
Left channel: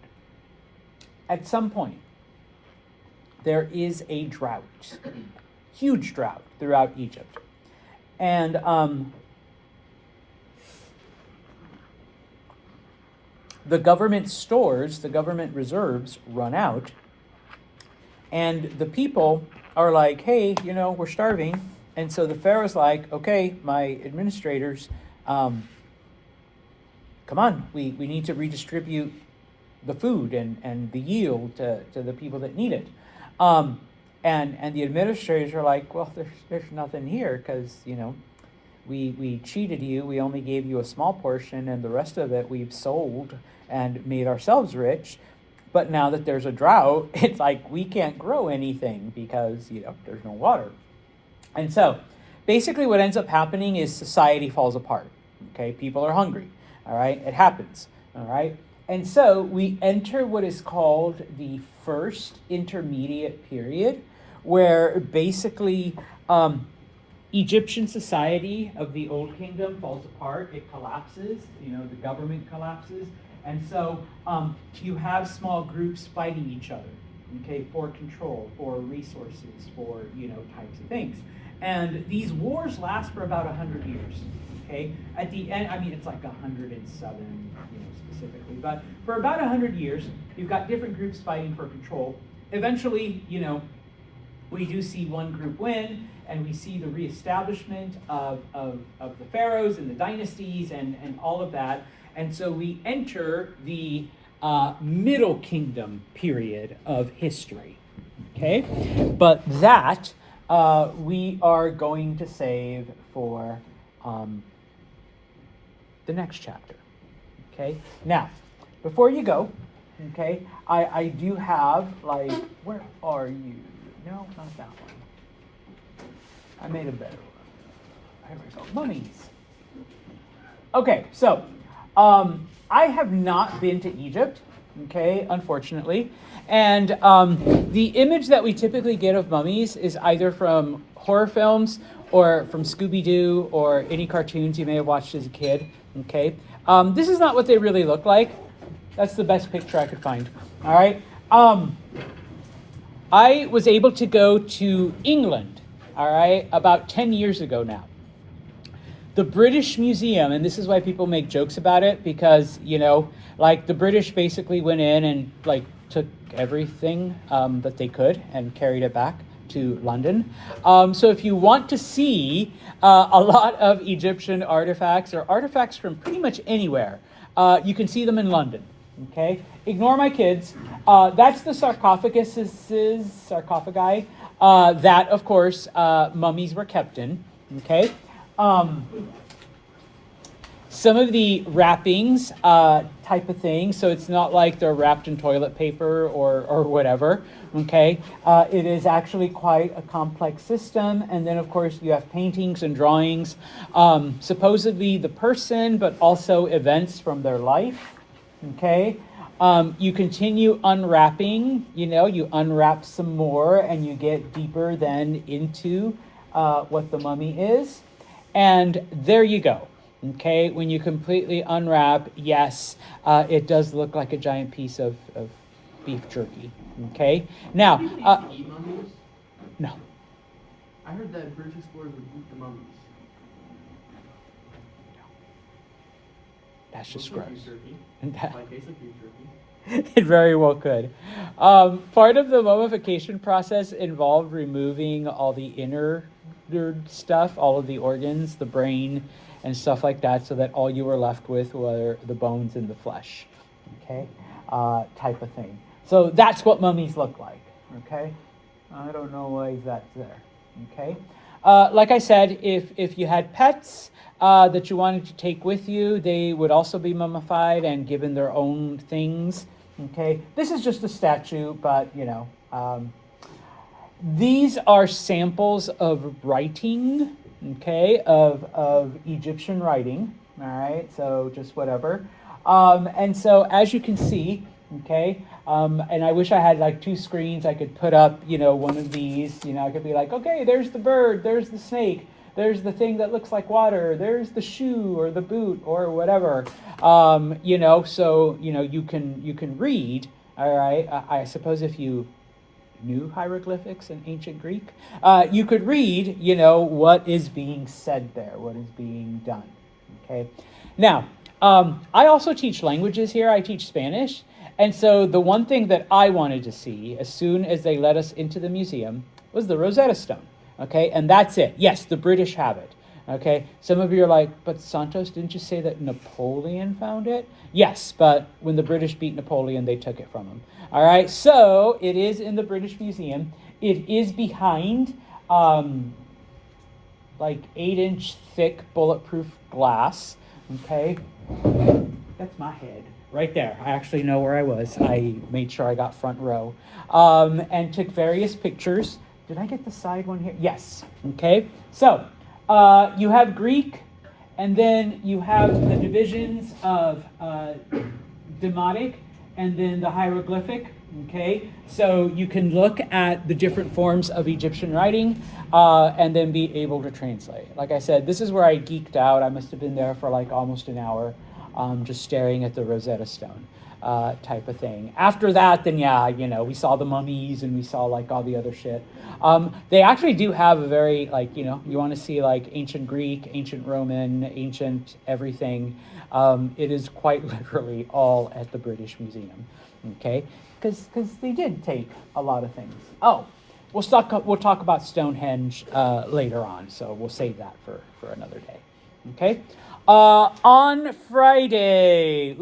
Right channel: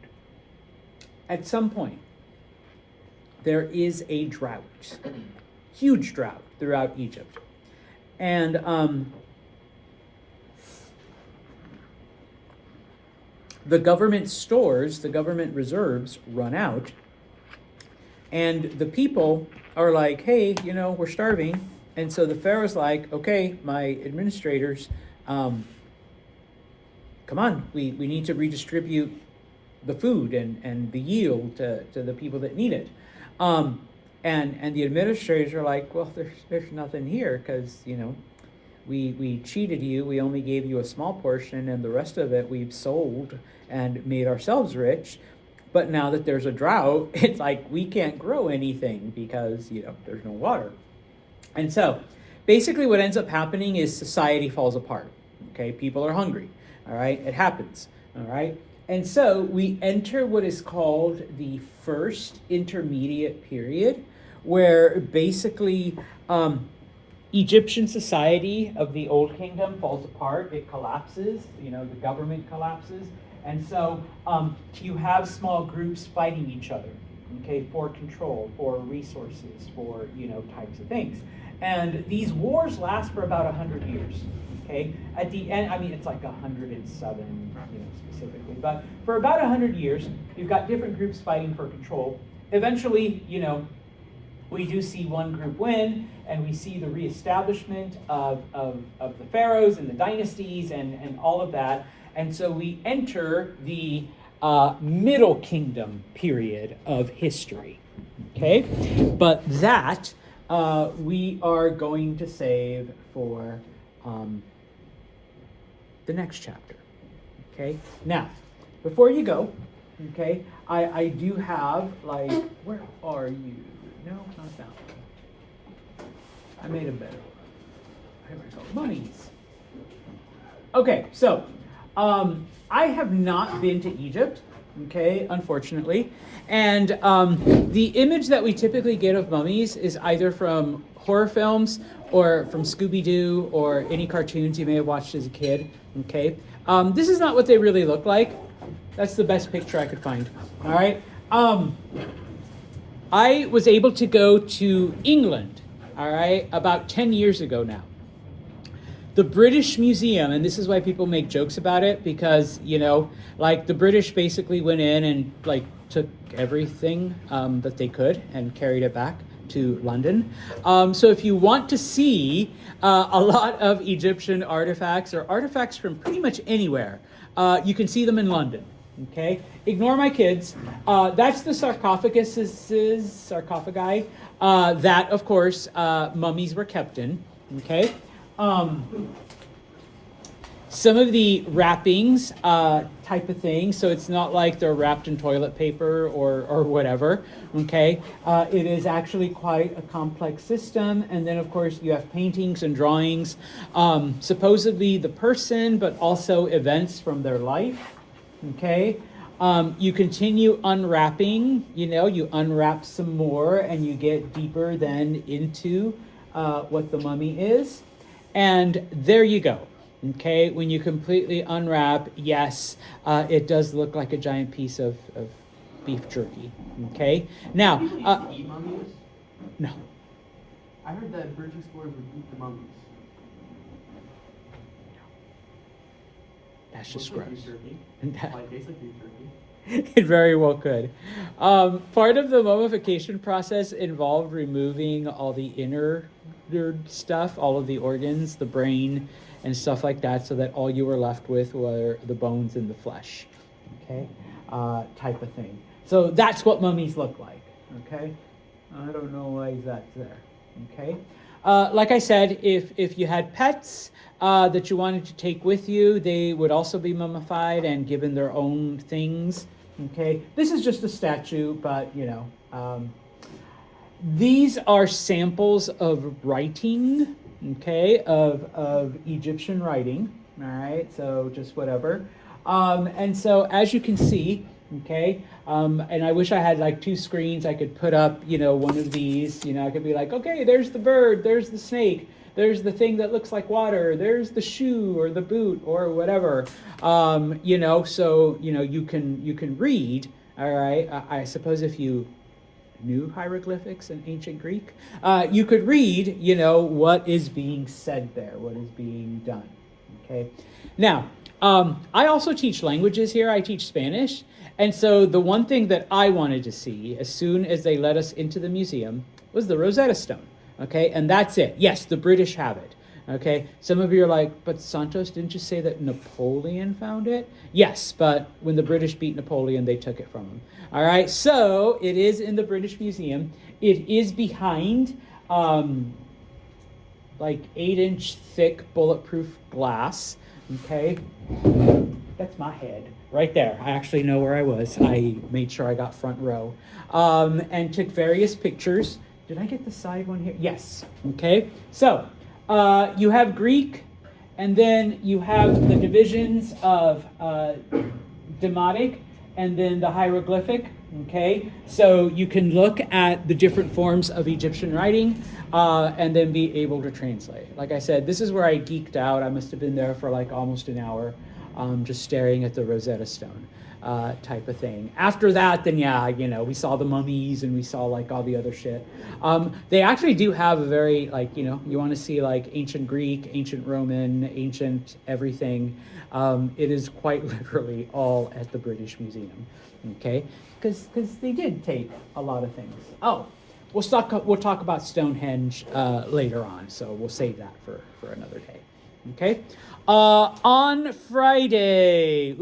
At some point, there is a drought. huge drought throughout Egypt. And the government stores, the government reserves run out, and the people are like, hey, we're starving. And so the Pharaoh's like, okay, my administrators, come on, we need to redistribute the food and the yield to the people that need it. And the administrators are like, well, there's nothing here because, we cheated you. We only gave you a small portion, and the rest of it we've sold and made ourselves rich. But now that there's a drought, it's like we can't grow anything because, there's no water. And so basically what ends up happening is society falls apart. Okay, people are hungry. All right, it happens. All right. And so we enter what is called the first intermediate period, where basically Egyptian society of the Old Kingdom falls apart. It collapses. The government collapses. And so you have small groups fighting each other, okay, for control, for resources, for, types of things. And these wars last for about 100 years, okay? At the end, it's like 107, specifically. But for about 100 years, you've got different groups fighting for control. Eventually, we do see one group win, and we see the reestablishment of the pharaohs and the dynasties and all of that. And so we enter the Middle Kingdom period of history, okay? But that we are going to save for the next chapter, okay? Now, before you go, okay, I do have, where are you? No, not that one. I made a better one. There we go. Mummies. Okay, so I have not been to Egypt, okay, unfortunately. And the image that we typically get of mummies is either from horror films or from Scooby-Doo or any cartoons you may have watched as a kid, okay? This is not what they really look like. That's the best picture I could find, all right? I was able to go to England, all right, about 10 years ago now. The British Museum, and this is why people make jokes about it, because, the British basically went in and, took everything that they could and carried it back to London. So if you want to see a lot of Egyptian artifacts or artifacts from pretty much anywhere, you can see them in London, okay? Ignore my kids. That's the sarcophagi that, of course, mummies were kept in, okay? Some of the wrappings type of thing, so it's not like they're wrapped in toilet paper or whatever, okay? It is actually quite a complex system, and then of course you have paintings and drawings, supposedly the person, but also events from their life, okay? You continue unwrapping, you unwrap some more and you get deeper then into what the mummy is. And there you go. Okay, when you completely unwrap, yes, it does look like a giant piece of beef jerky. Okay, now. Do you eat mummies? No. I heard that British explorers would eat the mummies. That's just Looks gross. like beef jerky. And that, Tastes like beef jerky. it very well could. Part of the mummification process involved removing all the inner stuff, all of the organs, the brain, and stuff like that, so that all you were left with were the bones and the flesh, okay, type of thing. So that's what mummies look like, okay? I don't know why that's there, okay? Like I said, if you had pets that you wanted to take with you, they would also be mummified and given their own things, okay? This is just a statue, but, these are samples of writing, okay, of Egyptian writing, all right, so just whatever. And so as you can see, okay, and I wish I had like two screens. I could put up, one of these, I could be like, okay, there's the bird, there's the snake, there's the thing that looks like water, there's the shoe or the boot or whatever, so, you can read, all right. I suppose if you new hieroglyphics in ancient Greek, you could read, what is being said there, what is being done. Okay. Now, I also teach languages here. I teach Spanish. And so the one thing that I wanted to see as soon as they let us into the museum was the Rosetta Stone. Okay. And that's it. Yes, the British have it. Okay. Some of you are like, but Santos, didn't you say that Napoleon found it? Yes, but when the British beat Napoleon, they took it from him. All right. So it is in the British Museum. It is behind like 8-inch thick bulletproof glass. Okay. That's my head right there. I actually know where I was. I made sure I got front row and took various pictures. Did I get the side one here? Yes. Okay. So you have Greek, and then you have the divisions of Demotic and then the hieroglyphic. Okay. So you can look at the different forms of Egyptian writing and then be able to translate. Like I said, this is where I geeked out. I must have been there for like almost an hour. Just staring at the Rosetta Stone type of thing. After that, then we saw the mummies and we saw like all the other shit. They actually do have a very you want to see like ancient Greek, ancient Roman, ancient everything. It is quite literally all at the British Museum, okay? Because they did take a lot of things. Oh, we'll talk about Stonehenge later on, so we'll save that for another day, okay? On Friday.